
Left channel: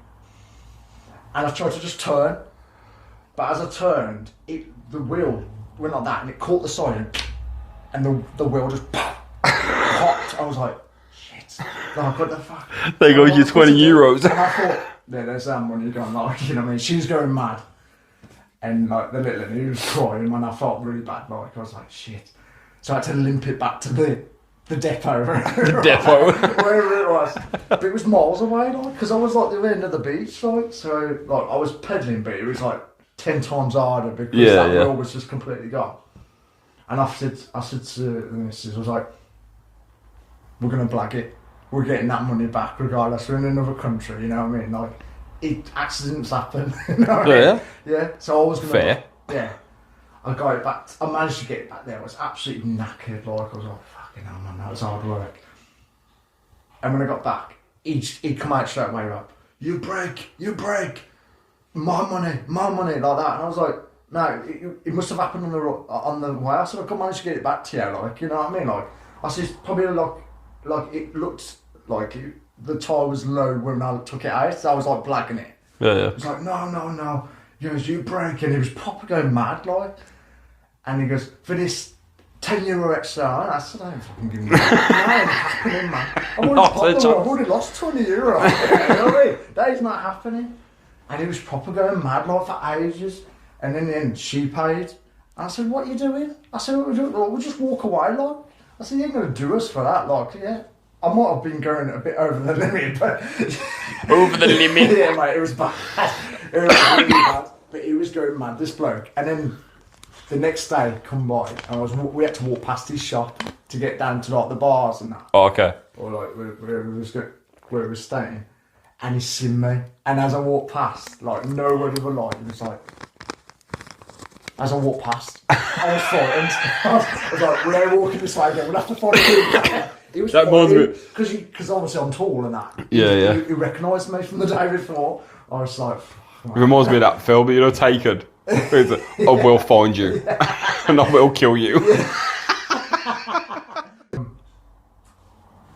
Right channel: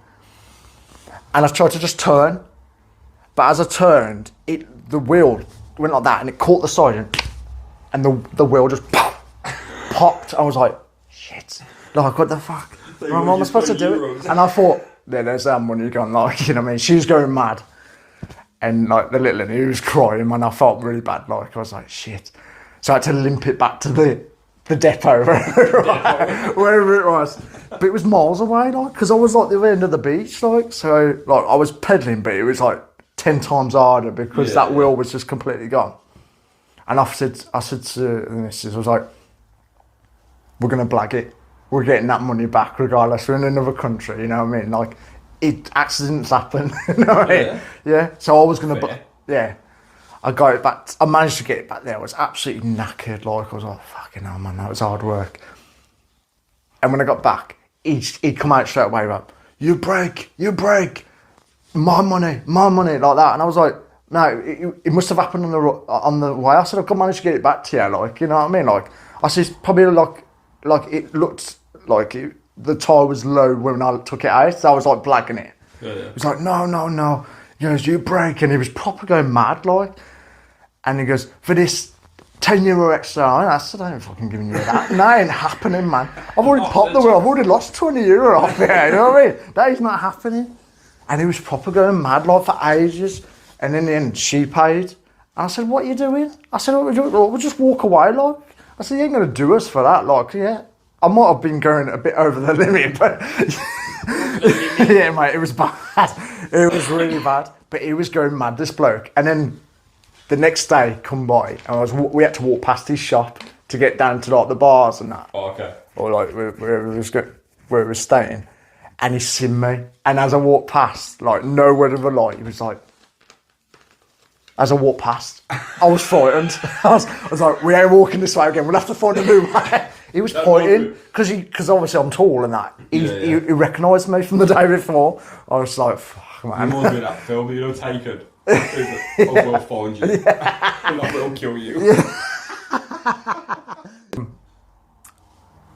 And I tried to just turn, but as I turned, the wheel went like that, and it caught the side, and the wheel just popped. I was like, shit! Like what the fuck? There goes your €20. And I thought, yeah, there's that money gone. Like you know what I mean? She was going mad, and like the little one, he was crying, and I felt really bad. Like I was like, shit. So I had to limp it back to the depot, wherever it was. But it was miles away, like, because I was like the end of the beach, like, so like I was pedaling, but it was like 10 times harder because that wheel was just completely gone. And I said to the missus, I was like, we're gonna blag it. We're getting that money back regardless. We're in another country, you know what I mean? Like, accidents happen. You know what I mean? Yeah. So I was gonna. Yeah. I got it back. I managed to get it back there. I was absolutely knackered. Like I was like, fucking hell, man, that was hard work. And when I got back, he'd come out straight away, like, you break, my money, like that. And I was like, no, it must have happened on the way. I said, I've managed to get it back to you, like, you know what I mean? Like, I said, it's probably like it looked like the tire was low when I took it out. So I was like blagging it. Yeah. He was like, no. He goes, you break. And he was proper going mad, like. And he goes, for this €10 extra, I said, I ain't fucking giving you that. That ain't happening, man. I've already lost €20 off here, you know what I mean? That is not happening. And he was proper going mad, like, for ages. And in the end, she paid. And I said, what are you doing? I said, what are we doing? We'll just walk away, like. I said, you ain't going to do us for that, like, yeah. I might have been going a bit over the limit, but... Over the limit? Yeah, mate, it was bad. It was really bad. But he was going mad, this bloke. And then... The next day, come by, and we had to walk past his shop to get down to like the bars and that. Oh, okay. Or like where it was staying, and he seen me. And as I walked past, like no word of a lie, he was like, as I walked past, I was frightened. I was like, we ain't walking this way again. We'll have to find a new way. He was pointing because obviously I'm tall and that. He recognised me from the day before. I was like, fuck, man. It reminds me of that film, you know, Taken. Where he's like, I will find you, and I will kill you.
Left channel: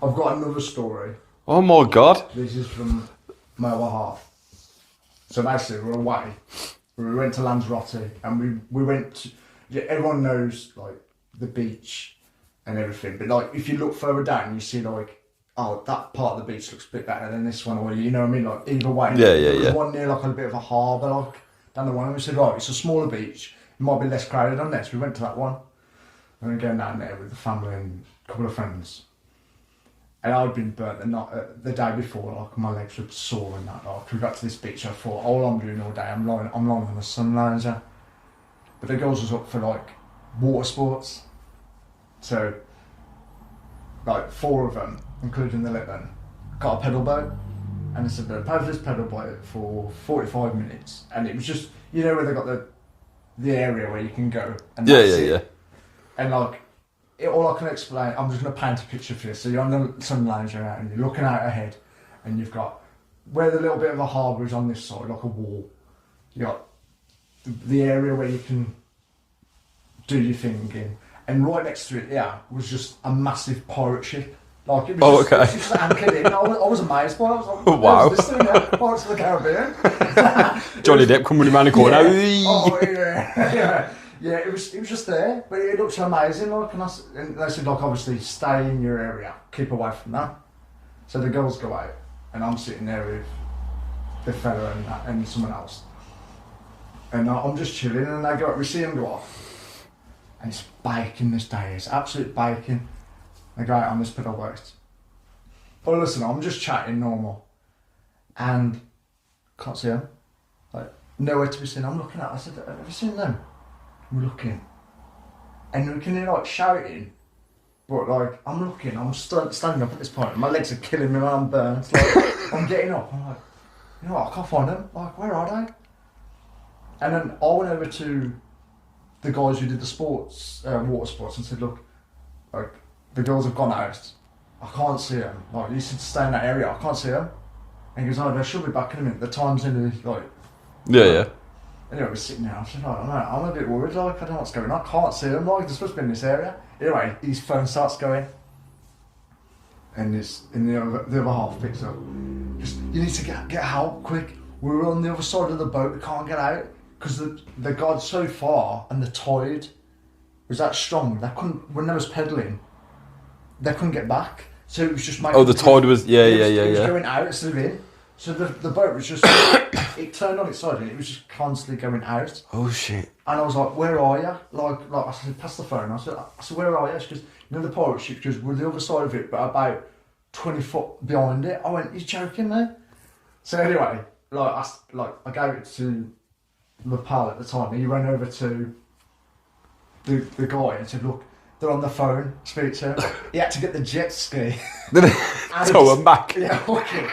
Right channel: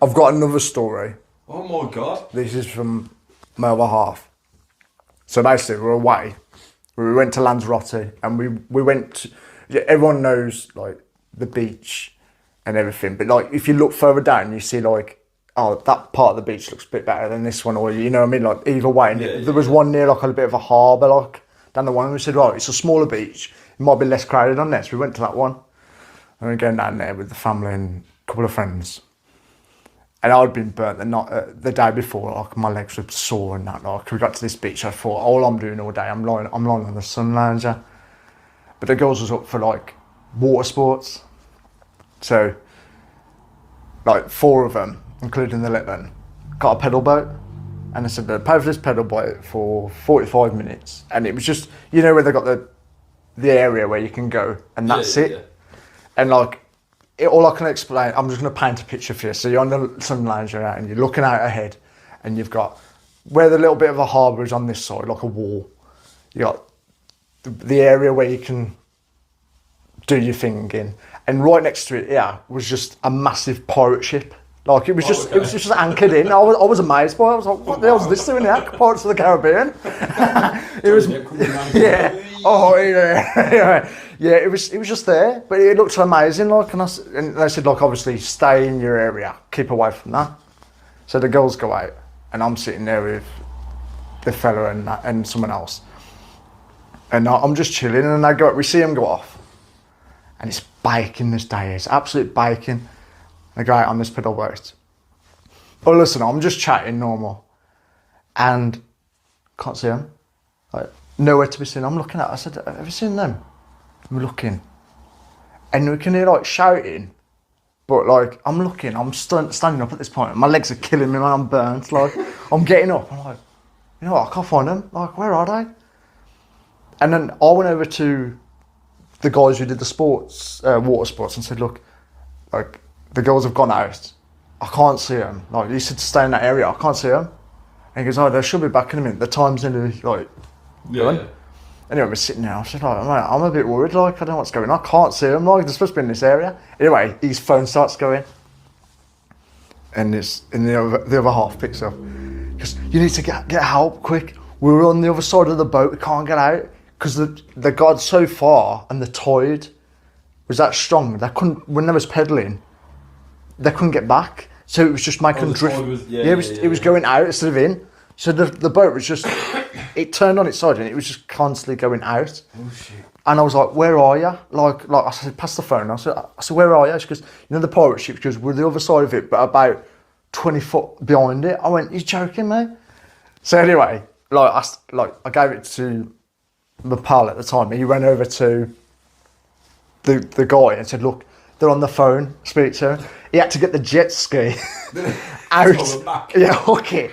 I've got another story. Oh my god! This is from my other half. So basically, we're away. We went to Lanzarote, and we went. Everyone knows like the beach and everything, but like if you look further down, you see like, oh, that part of the beach looks a bit better than this one, or you know what I mean? Like either way. There was one near like a bit of a harbour, like down the one. And we said, right, it's a smaller beach. It might be less crowded on this. We went to that one, and we're going down there with the family and a couple of friends. And I'd been burnt the day before, like my legs were sore and that. Like we got to this beach, I thought all I'm doing all day, I'm lying on the sun lounger. But the girls was up for like water sports, so like 4 of them, including the little one, got a pedal boat, and I said, pay for this pedal boat for 45 minutes, and it was just, you know, where they got the area where you can go, and that's it. Yeah. And like. All I can explain, I'm just going to paint a picture for you. So you're on the sun lounger and you're looking out ahead, and you've got where the little bit of a harbour is on this side, like a wall. You got the area where you can do your thing in, and right next to it, was just a massive pirate ship. Like it was just anchored in. I was amazed by it. I was like, what the hell is this doing now? Pirates of the Caribbean. Johnny Depp coming around the corner. Yeah, it was just there, but it looked amazing. Like, and they said, like, obviously, stay in your area, keep away from that. So the girls go out, and I'm sitting there with the fella and someone else, and I'm just chilling. And they go, we see them go off, and it's baking this day. It's absolute baking. They go out on this pedal boat. But listen, I'm just chatting normal, and can't see them. Like nowhere to be seen. I'm looking at. I said, have you seen them? We're looking, and we can hear like shouting, but like I'm looking, I'm standing up at this point. My legs are killing me when I'm burnt. Like I'm getting up. I'm like, you know what? I can't find them. Like, where are they? And then I went over to the guys who did the sports, water sports, and said, look, like the girls have gone out. I can't see them. Like you said to stay in that area. I can't see them. And he goes, oh, they should be back in a minute. The time's nearly like. Yeah. Anyway, we're sitting there. I said, like, I'm a bit worried. Like, I don't know what's going on. I can't see him. Like, they're supposed to be in this area. Anyway, his phone starts going, and the other half picks up. He goes, you need to get help quick. We're on the other side of the boat. We can't get out because they got so far, and the tide was that strong. They couldn't. When they was pedaling, they couldn't get back. So it was just making. Oh, the tide was It was going out instead of in. So the boat was just, it turned on its side and it was just constantly going out. Oh shit. And I was like, where are you? Like I said, pass the phone. I said, where are you? She goes, you know the pirate ship? She goes, we're the other side of it, but about 20 foot behind it. I went, you're joking, mate? So anyway, I gave it to my pal at the time. He ran over to the guy and said, look, they're on the phone, speak to him. He had to get the jet ski out. Throw him back. Yeah, okay.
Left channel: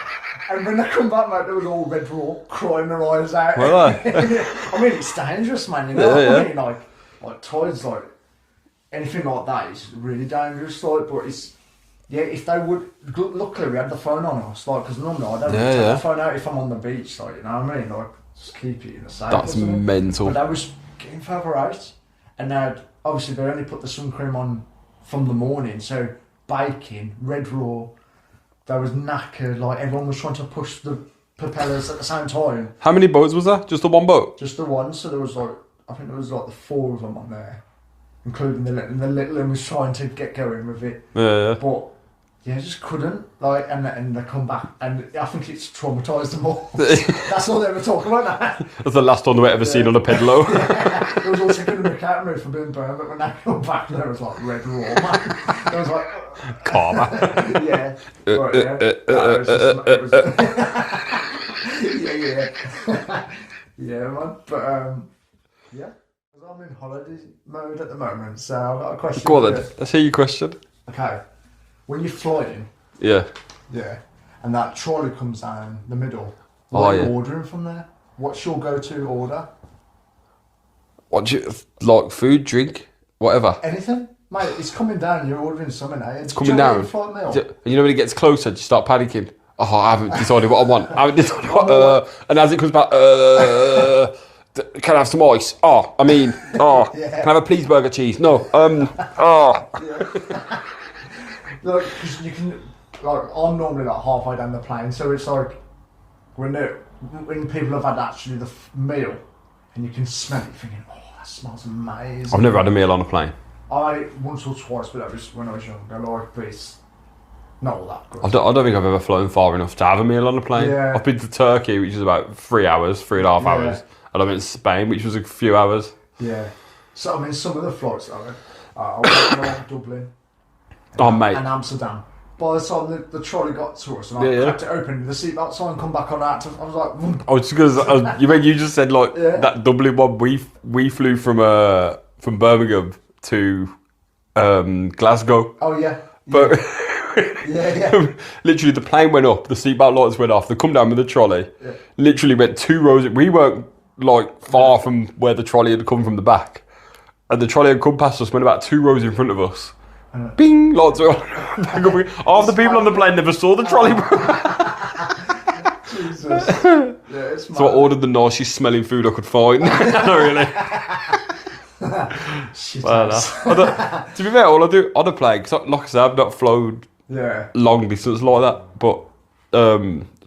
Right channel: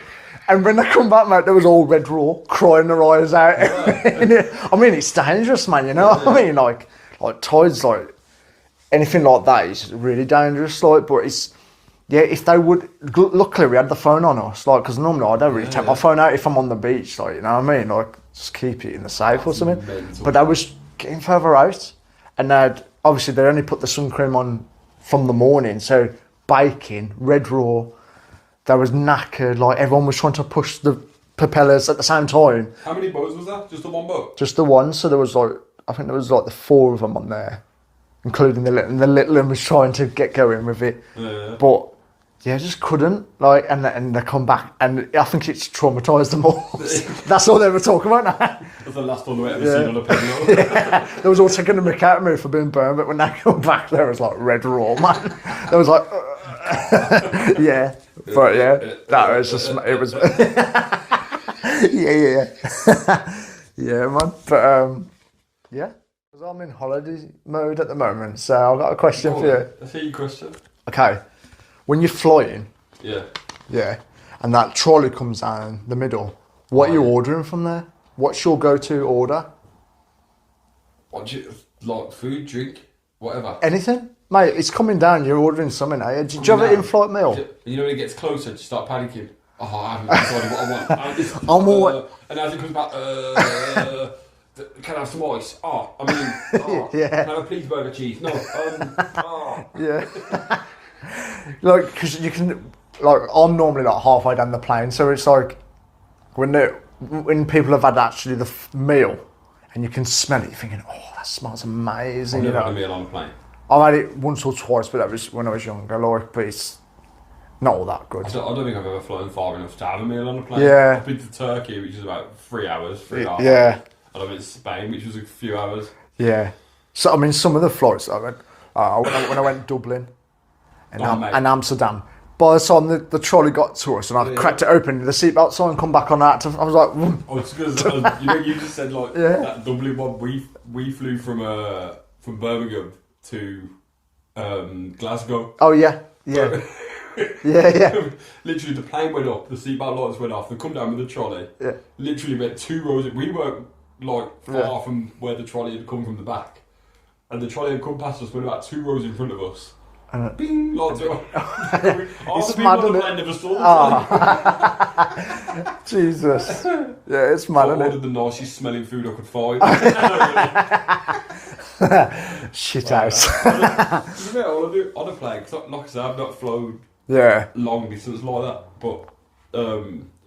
And when they come back, mate, they was all red raw, crying their eyes out. I mean, it's dangerous, man, you know? I mean, like tides, like, anything like that is really dangerous, like, but it's, if they would, luckily we had the phone on us, like, because normally I don't really take my phone out if I'm on the beach, like, you know what I mean? Like, just keep it in the safe or something. Mental. But I was getting further out, and obviously they only put the sun cream on from the morning, so baking, red raw. They was knackered, like everyone was trying to push the propellers at the same time. How many boats was that? Just the one boat? Just the one, so there was like, I think there was like the 4 of them on there, including the little one was trying to get going with it. Yeah. But, I just couldn't, like, and they come back, and I think it's traumatised them all. That's all they were talking about now. That's the last one they ever seen on a pedalo. They was all taking the mick out of me for being burned, but when they come back, there was like red raw, man. There was like... Karma. Yeah. But that was just... It was... Yeah, man. But, I'm in holiday mode at the moment, so I've got a question for you. Let's hear your question. Okay. When you're flying... Yeah, and that trolley comes down the middle, what are you ordering from there? What's your go-to order? What do you like? Food, drink, whatever. Anything, mate. It's coming down. You're ordering something, eh? Do you Coming have an down. in-flight meal? You know when it gets closer, you start panicking. Oh, I haven't decided what I want. I haven't decided what, and as it comes back, can I have some ice? Oh, I mean, oh, Yeah. Can I have a please burger cheese? No, oh. Yeah. Like, because you can, like, I'm normally like halfway down the plane, so it's like when people have had actually the meal, and you can smell it, you're thinking, oh, that smells amazing. I've never had a meal on a plane. I've had it once or twice, but that was when I was younger, like, but it's not all that good. I don't think I've ever flown far enough to have a meal on a plane. Yeah. I've been to Turkey, which is about 3 hours, 3.5 Yeah. hours. And I went to Spain, which was a few hours. Yeah. So, I mean, some of the flights, I went, when I went to Dublin Mate. and Amsterdam, by the time the trolley got to us and I cracked it open, the seatbelt sign come back on that, I was like... Whoa. I was just gonna, you just said, like, that Dublin one, we flew from Birmingham to Glasgow. Oh, yeah. But Yeah. literally, the plane went up, the seatbelt lights went off, they come down with the trolley. Yeah. Literally went 2 rows. We weren't like far from where the trolley had come from the back, and the trolley had come past us, went about 2 rows in front of us. Bing! Lots of half the people on the plane never saw the trolley. Jesus. Yeah, it's mad. So I ordered the nicest smelling food I could find. Really. Shit To be fair, all I do on a plane, because like I said, I've not flown long distance like that, but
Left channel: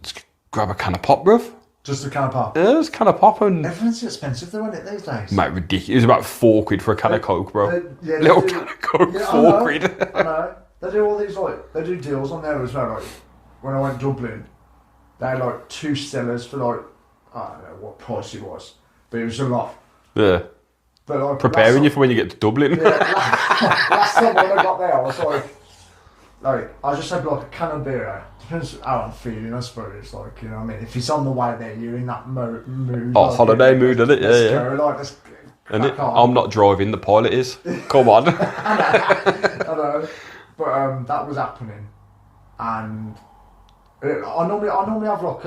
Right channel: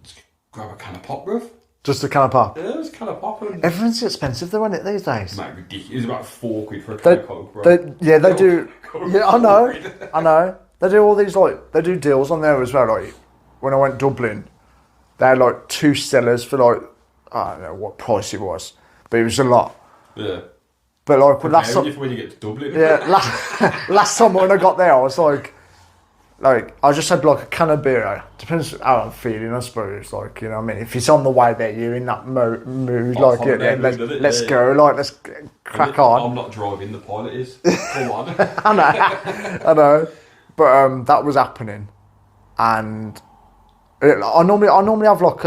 just grab a can of pop, bruv. Just a can of pop? Yeah, just a can of pop and... Everything's expensive though, isn't it, these days? Mate, ridiculous. It was about £4 for a can of Coke, bro. They do. Can of Coke, Yeah, £4. I know. They do all these, like, they do deals on there as well. Like, when I went to Dublin, they had like 2 Stellas for like, I don't know what price it was, but it was a lot. Yeah. But like, preparing you for when you get to Dublin. Yeah, last time when I got there, I was like, I just had like a can of beer. Depends how I'm feeling, I suppose. Like, you know what I mean? If it's on the way there, you're in that mood. Oh, like, holiday mood, isn't it? Let's go, like, let's crack on. I'm not driving, the pilot is. Come on. I know. But that was happening. And I normally have like,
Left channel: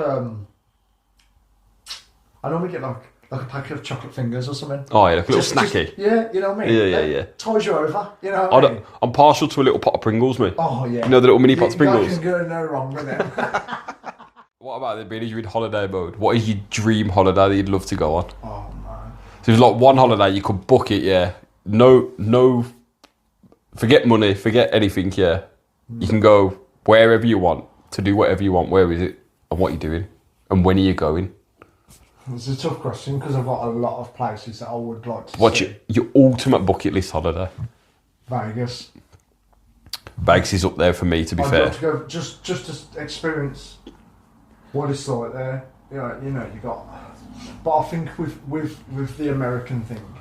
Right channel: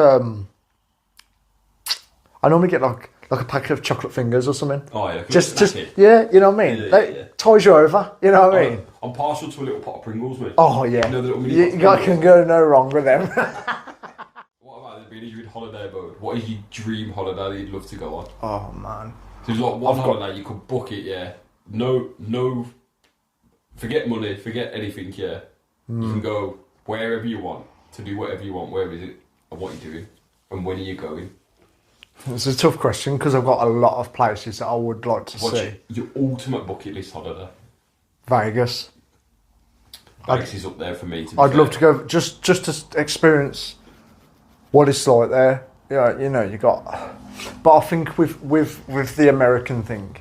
I normally get like a packet of chocolate fingers or something. Oh, yeah, like a little snacky. Yeah, you know what I mean? Yeah. Ties you over, you know what I mean? I'm partial to a little pot of Pringles, mate. Oh, yeah. You know the little mini pots of Pringles? You can go no wrong with them. What about the being you're in holiday mode? What is your dream holiday that you'd love to go on? Oh, man. So there's like one holiday, you could book it, yeah. No, forget money, forget anything, yeah. You can go wherever you want, to do whatever you want. Where is it? And what you're doing? And when are you going? It's a tough question because I've got a lot of places that I would like to see. What's your ultimate bucket list holiday? Vegas. Vegas is up there for me, to be fair. I'd love to go just to experience what it's like there. Yeah, you know, you got. But I think with the American thing,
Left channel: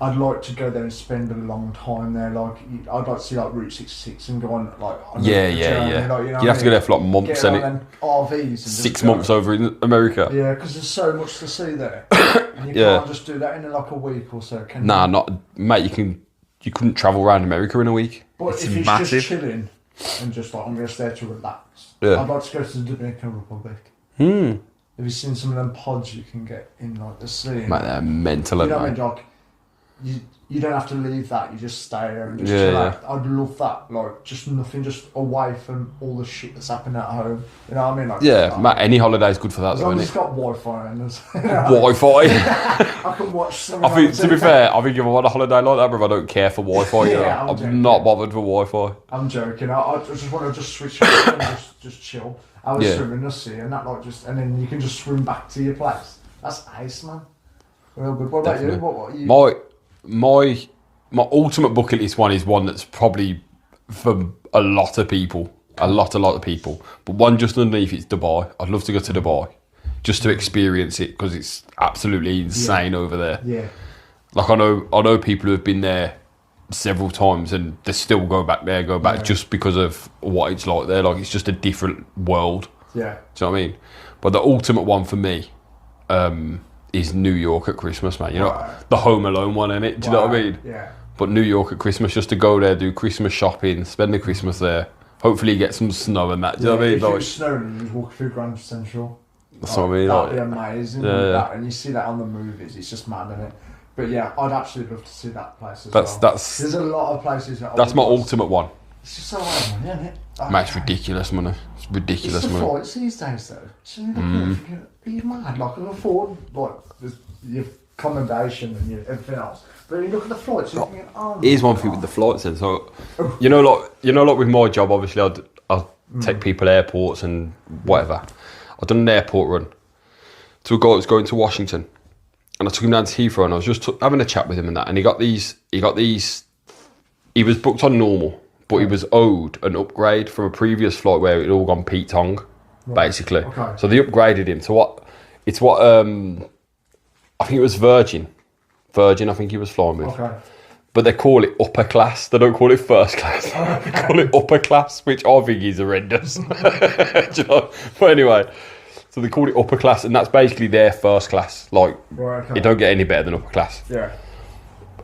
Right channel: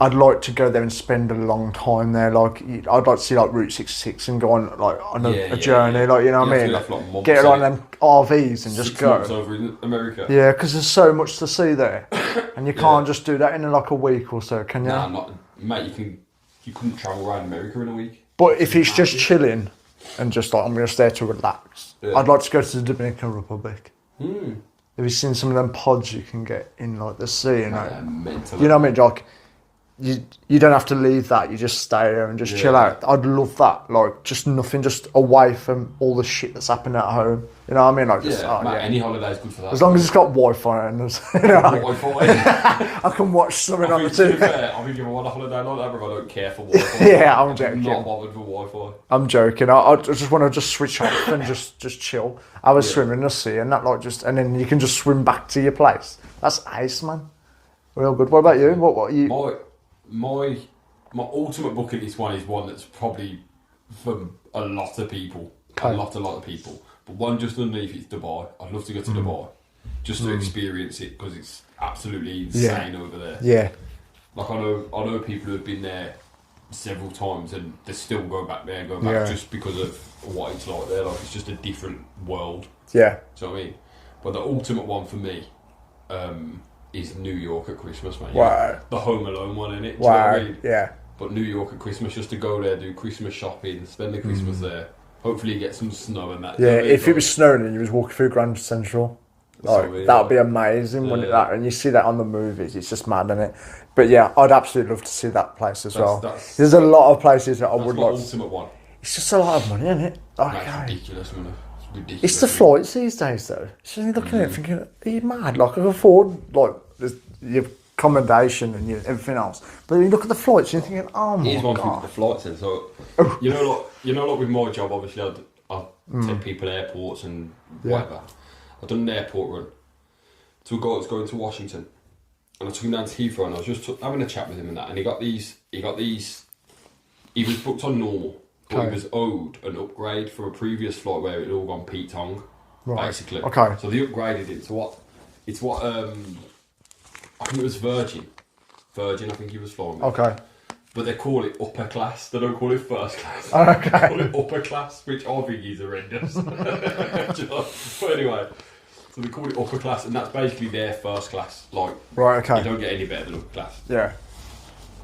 I'd like to go there and spend a long time there. Like, I'd like to see like Route 66 and go on like on a journey. Like, you know, you have to go there for like months. Get like them RVs and 6 just go. months over in America. Yeah, because there's so much to see there, and you can't just do that in like a week or so, can you? Nah, not mate. You couldn't travel around America in a week. But if it's just chilling and just like I'm just there to relax, I'd like to go to the Dominican Republic. Have you seen some of them pods you can get in like the sea? Mate, they're mental. You know what I mean, Jock? You don't have to leave that. You just stay there and just chill out. I'd love that. Like, just nothing, just away from all the shit that's happening at home. You know what I mean? Like, mate, any holiday is good for that. As long as it's got Wi-Fi and Wi-Fi. I can watch something. To be fair, I think if I want a holiday like that, bro, I don't care for Wi-Fi. I'm not bothered for Wi-Fi. I'm joking. I just want to just switch off and just chill. I was swimming in the sea and that and then you can just swim back to your place. That's ace, man. Real good. What about you? What you? My ultimate bucket list one is one that's probably for a lot of people. A lot of people. But one just underneath it's Dubai. I'd love to go to Dubai just to experience it because it's absolutely insane over there. Yeah. Like I know people who have been there several times and they still go back just because of what it's like there. Like it's just a different world. Yeah. Do you know what I mean? But the ultimate one for me is New York at Christmas, mate. You know, the Home Alone one, innit? Do you know what I mean? Yeah. But New York at Christmas, just to go there, do Christmas shopping, spend the Christmas there. Hopefully get some snow and that. Do you know what I mean? If it was snowing and you was walking through Grand Central. That's what I mean, that'd like- be amazing, wouldn't it, yeah. that? And you see that on the movies, it's just mad, isn't it? But yeah, I'd absolutely love to see that place as well. There's a lot of places that I That's would my like to- ultimate one. It's just a lot of money, isn't it? Mate, it's ridiculous money. It's ridiculous. It's the money. flights these days, though. So you're looking at it thinking, are you mad? Like, I can afford, like, your accommodation and everything else. But you look at the flights, you're thinking, oh my Here's one God. thing with the flights then. So, you know, like with my job, obviously, I'll take people to airports and whatever. I've done an airport run to a guy that was going to Washington, and I took him down to Heathrow, and I was just having a chat with him and that, and he was booked on normal, but he was owed an upgrade from a previous flight where it had all gone Pete Tong, basically. Okay. So they upgraded him to what I think it was Virgin, I think he was flying with. Okay. But they call it upper class. They don't call it first class. Okay. They call it upper class, which I think is horrendous. Do you know? But anyway, so they call it upper class, and that's basically their first class. Like, Right, okay. you don't get any better than upper class. Yeah.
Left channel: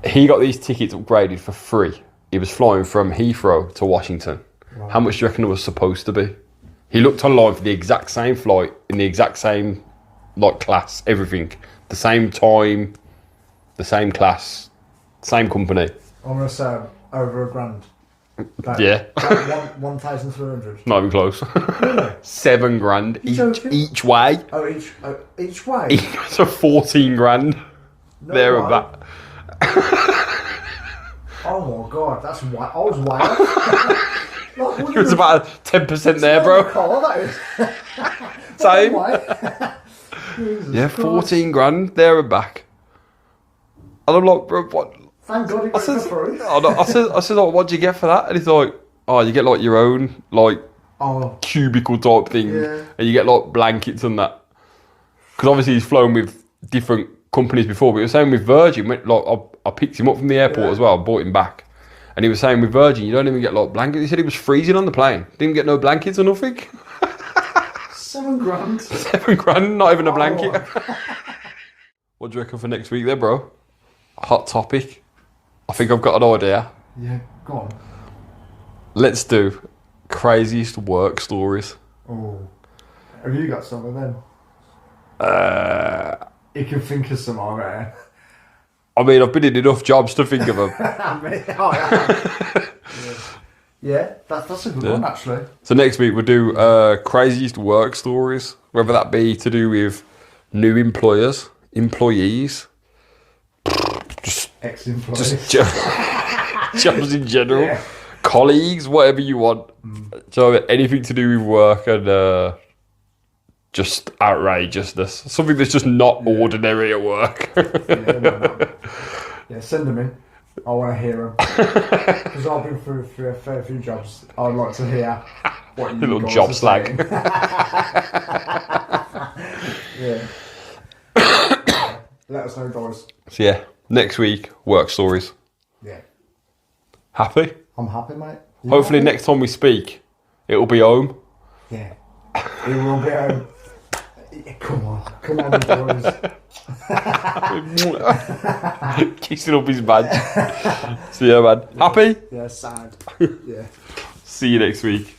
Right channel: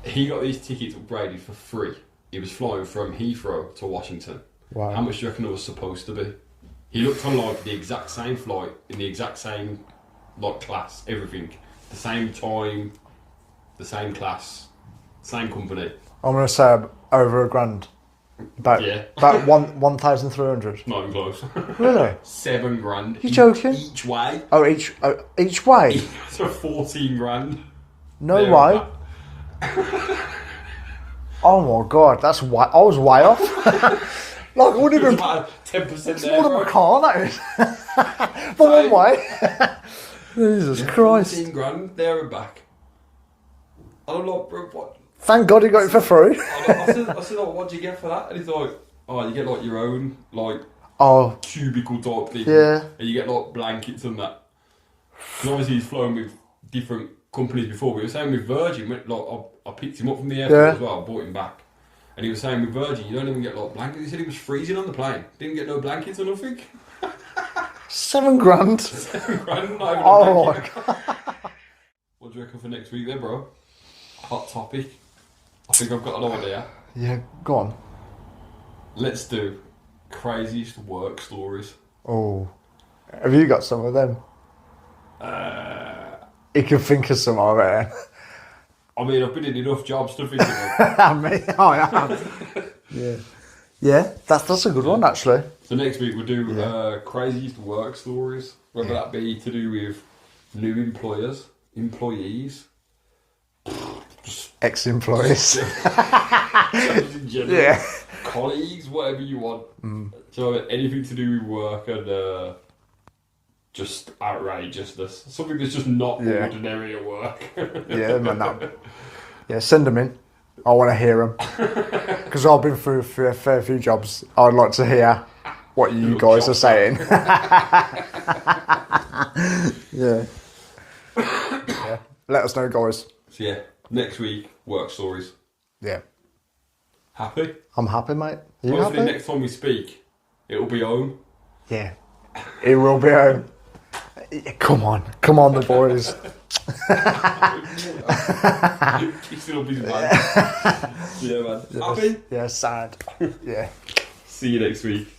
He got these tickets upgraded for free. He was flying from Heathrow to Washington. Wow. How much do you reckon it was supposed to be? He looked online for the exact same flight, in the exact same class, everything. The same time, the same class, same company. I'm going to say over $1,000. About 1,300. Not even close. Really? $7,000 You joking? each way. Oh, each way? So 14 grand. No there and way. back. Oh my God, that's way. I was way off. Like, wouldn't It was even- about 10% there, What bro. a car that is. But Same. one way. Jesus Yeah, Christ. 14 grand there and back. And I'm like, bro, what? Thank God he got it for free. I said, like, what do you get for that? And he's like, oh, you get like your own like Oh, cubicle type thing, Yeah. and you get like blankets and that. Because obviously he's flown with different companies before, but he was saying with Virgin, like I picked him up from the airport Yeah. as well, bought him back, and he was saying with Virgin you don't even get like blankets. He said he was freezing on the plane, didn't get no blankets or nothing. $7,000. $7,000, not even a Oh blanket. my What do you reckon for next week, then, bro? Hot topic. I think I've got an idea. Yeah, go on. Let's do craziest work stories. Oh, have you got some of them? You can think of some of it. I mean, I've been in enough jobs to think of them. Oh, yeah. Yeah, that's a good one actually. So next week we'll do craziest work stories, whether that be to do with new employees, Ex-employees. jobs in general, Yeah. colleagues, whatever you want. So anything to do with work and just outrageousness, something that's just not ordinary at work. Yeah, send them in. I want to hear them because I've been through a fair few jobs. I'd like to hear what you Little guys job are saying. Yeah. Let us know, guys. So yeah, next week work stories. Yeah, Happy? I'm happy, mate. You Hopefully happy? next time we speak, it'll be home. Yeah, it will be. Come on, the boys. Kissing up his badge. So yeah, man. Happy? Yeah, sad. Yeah. See you next week.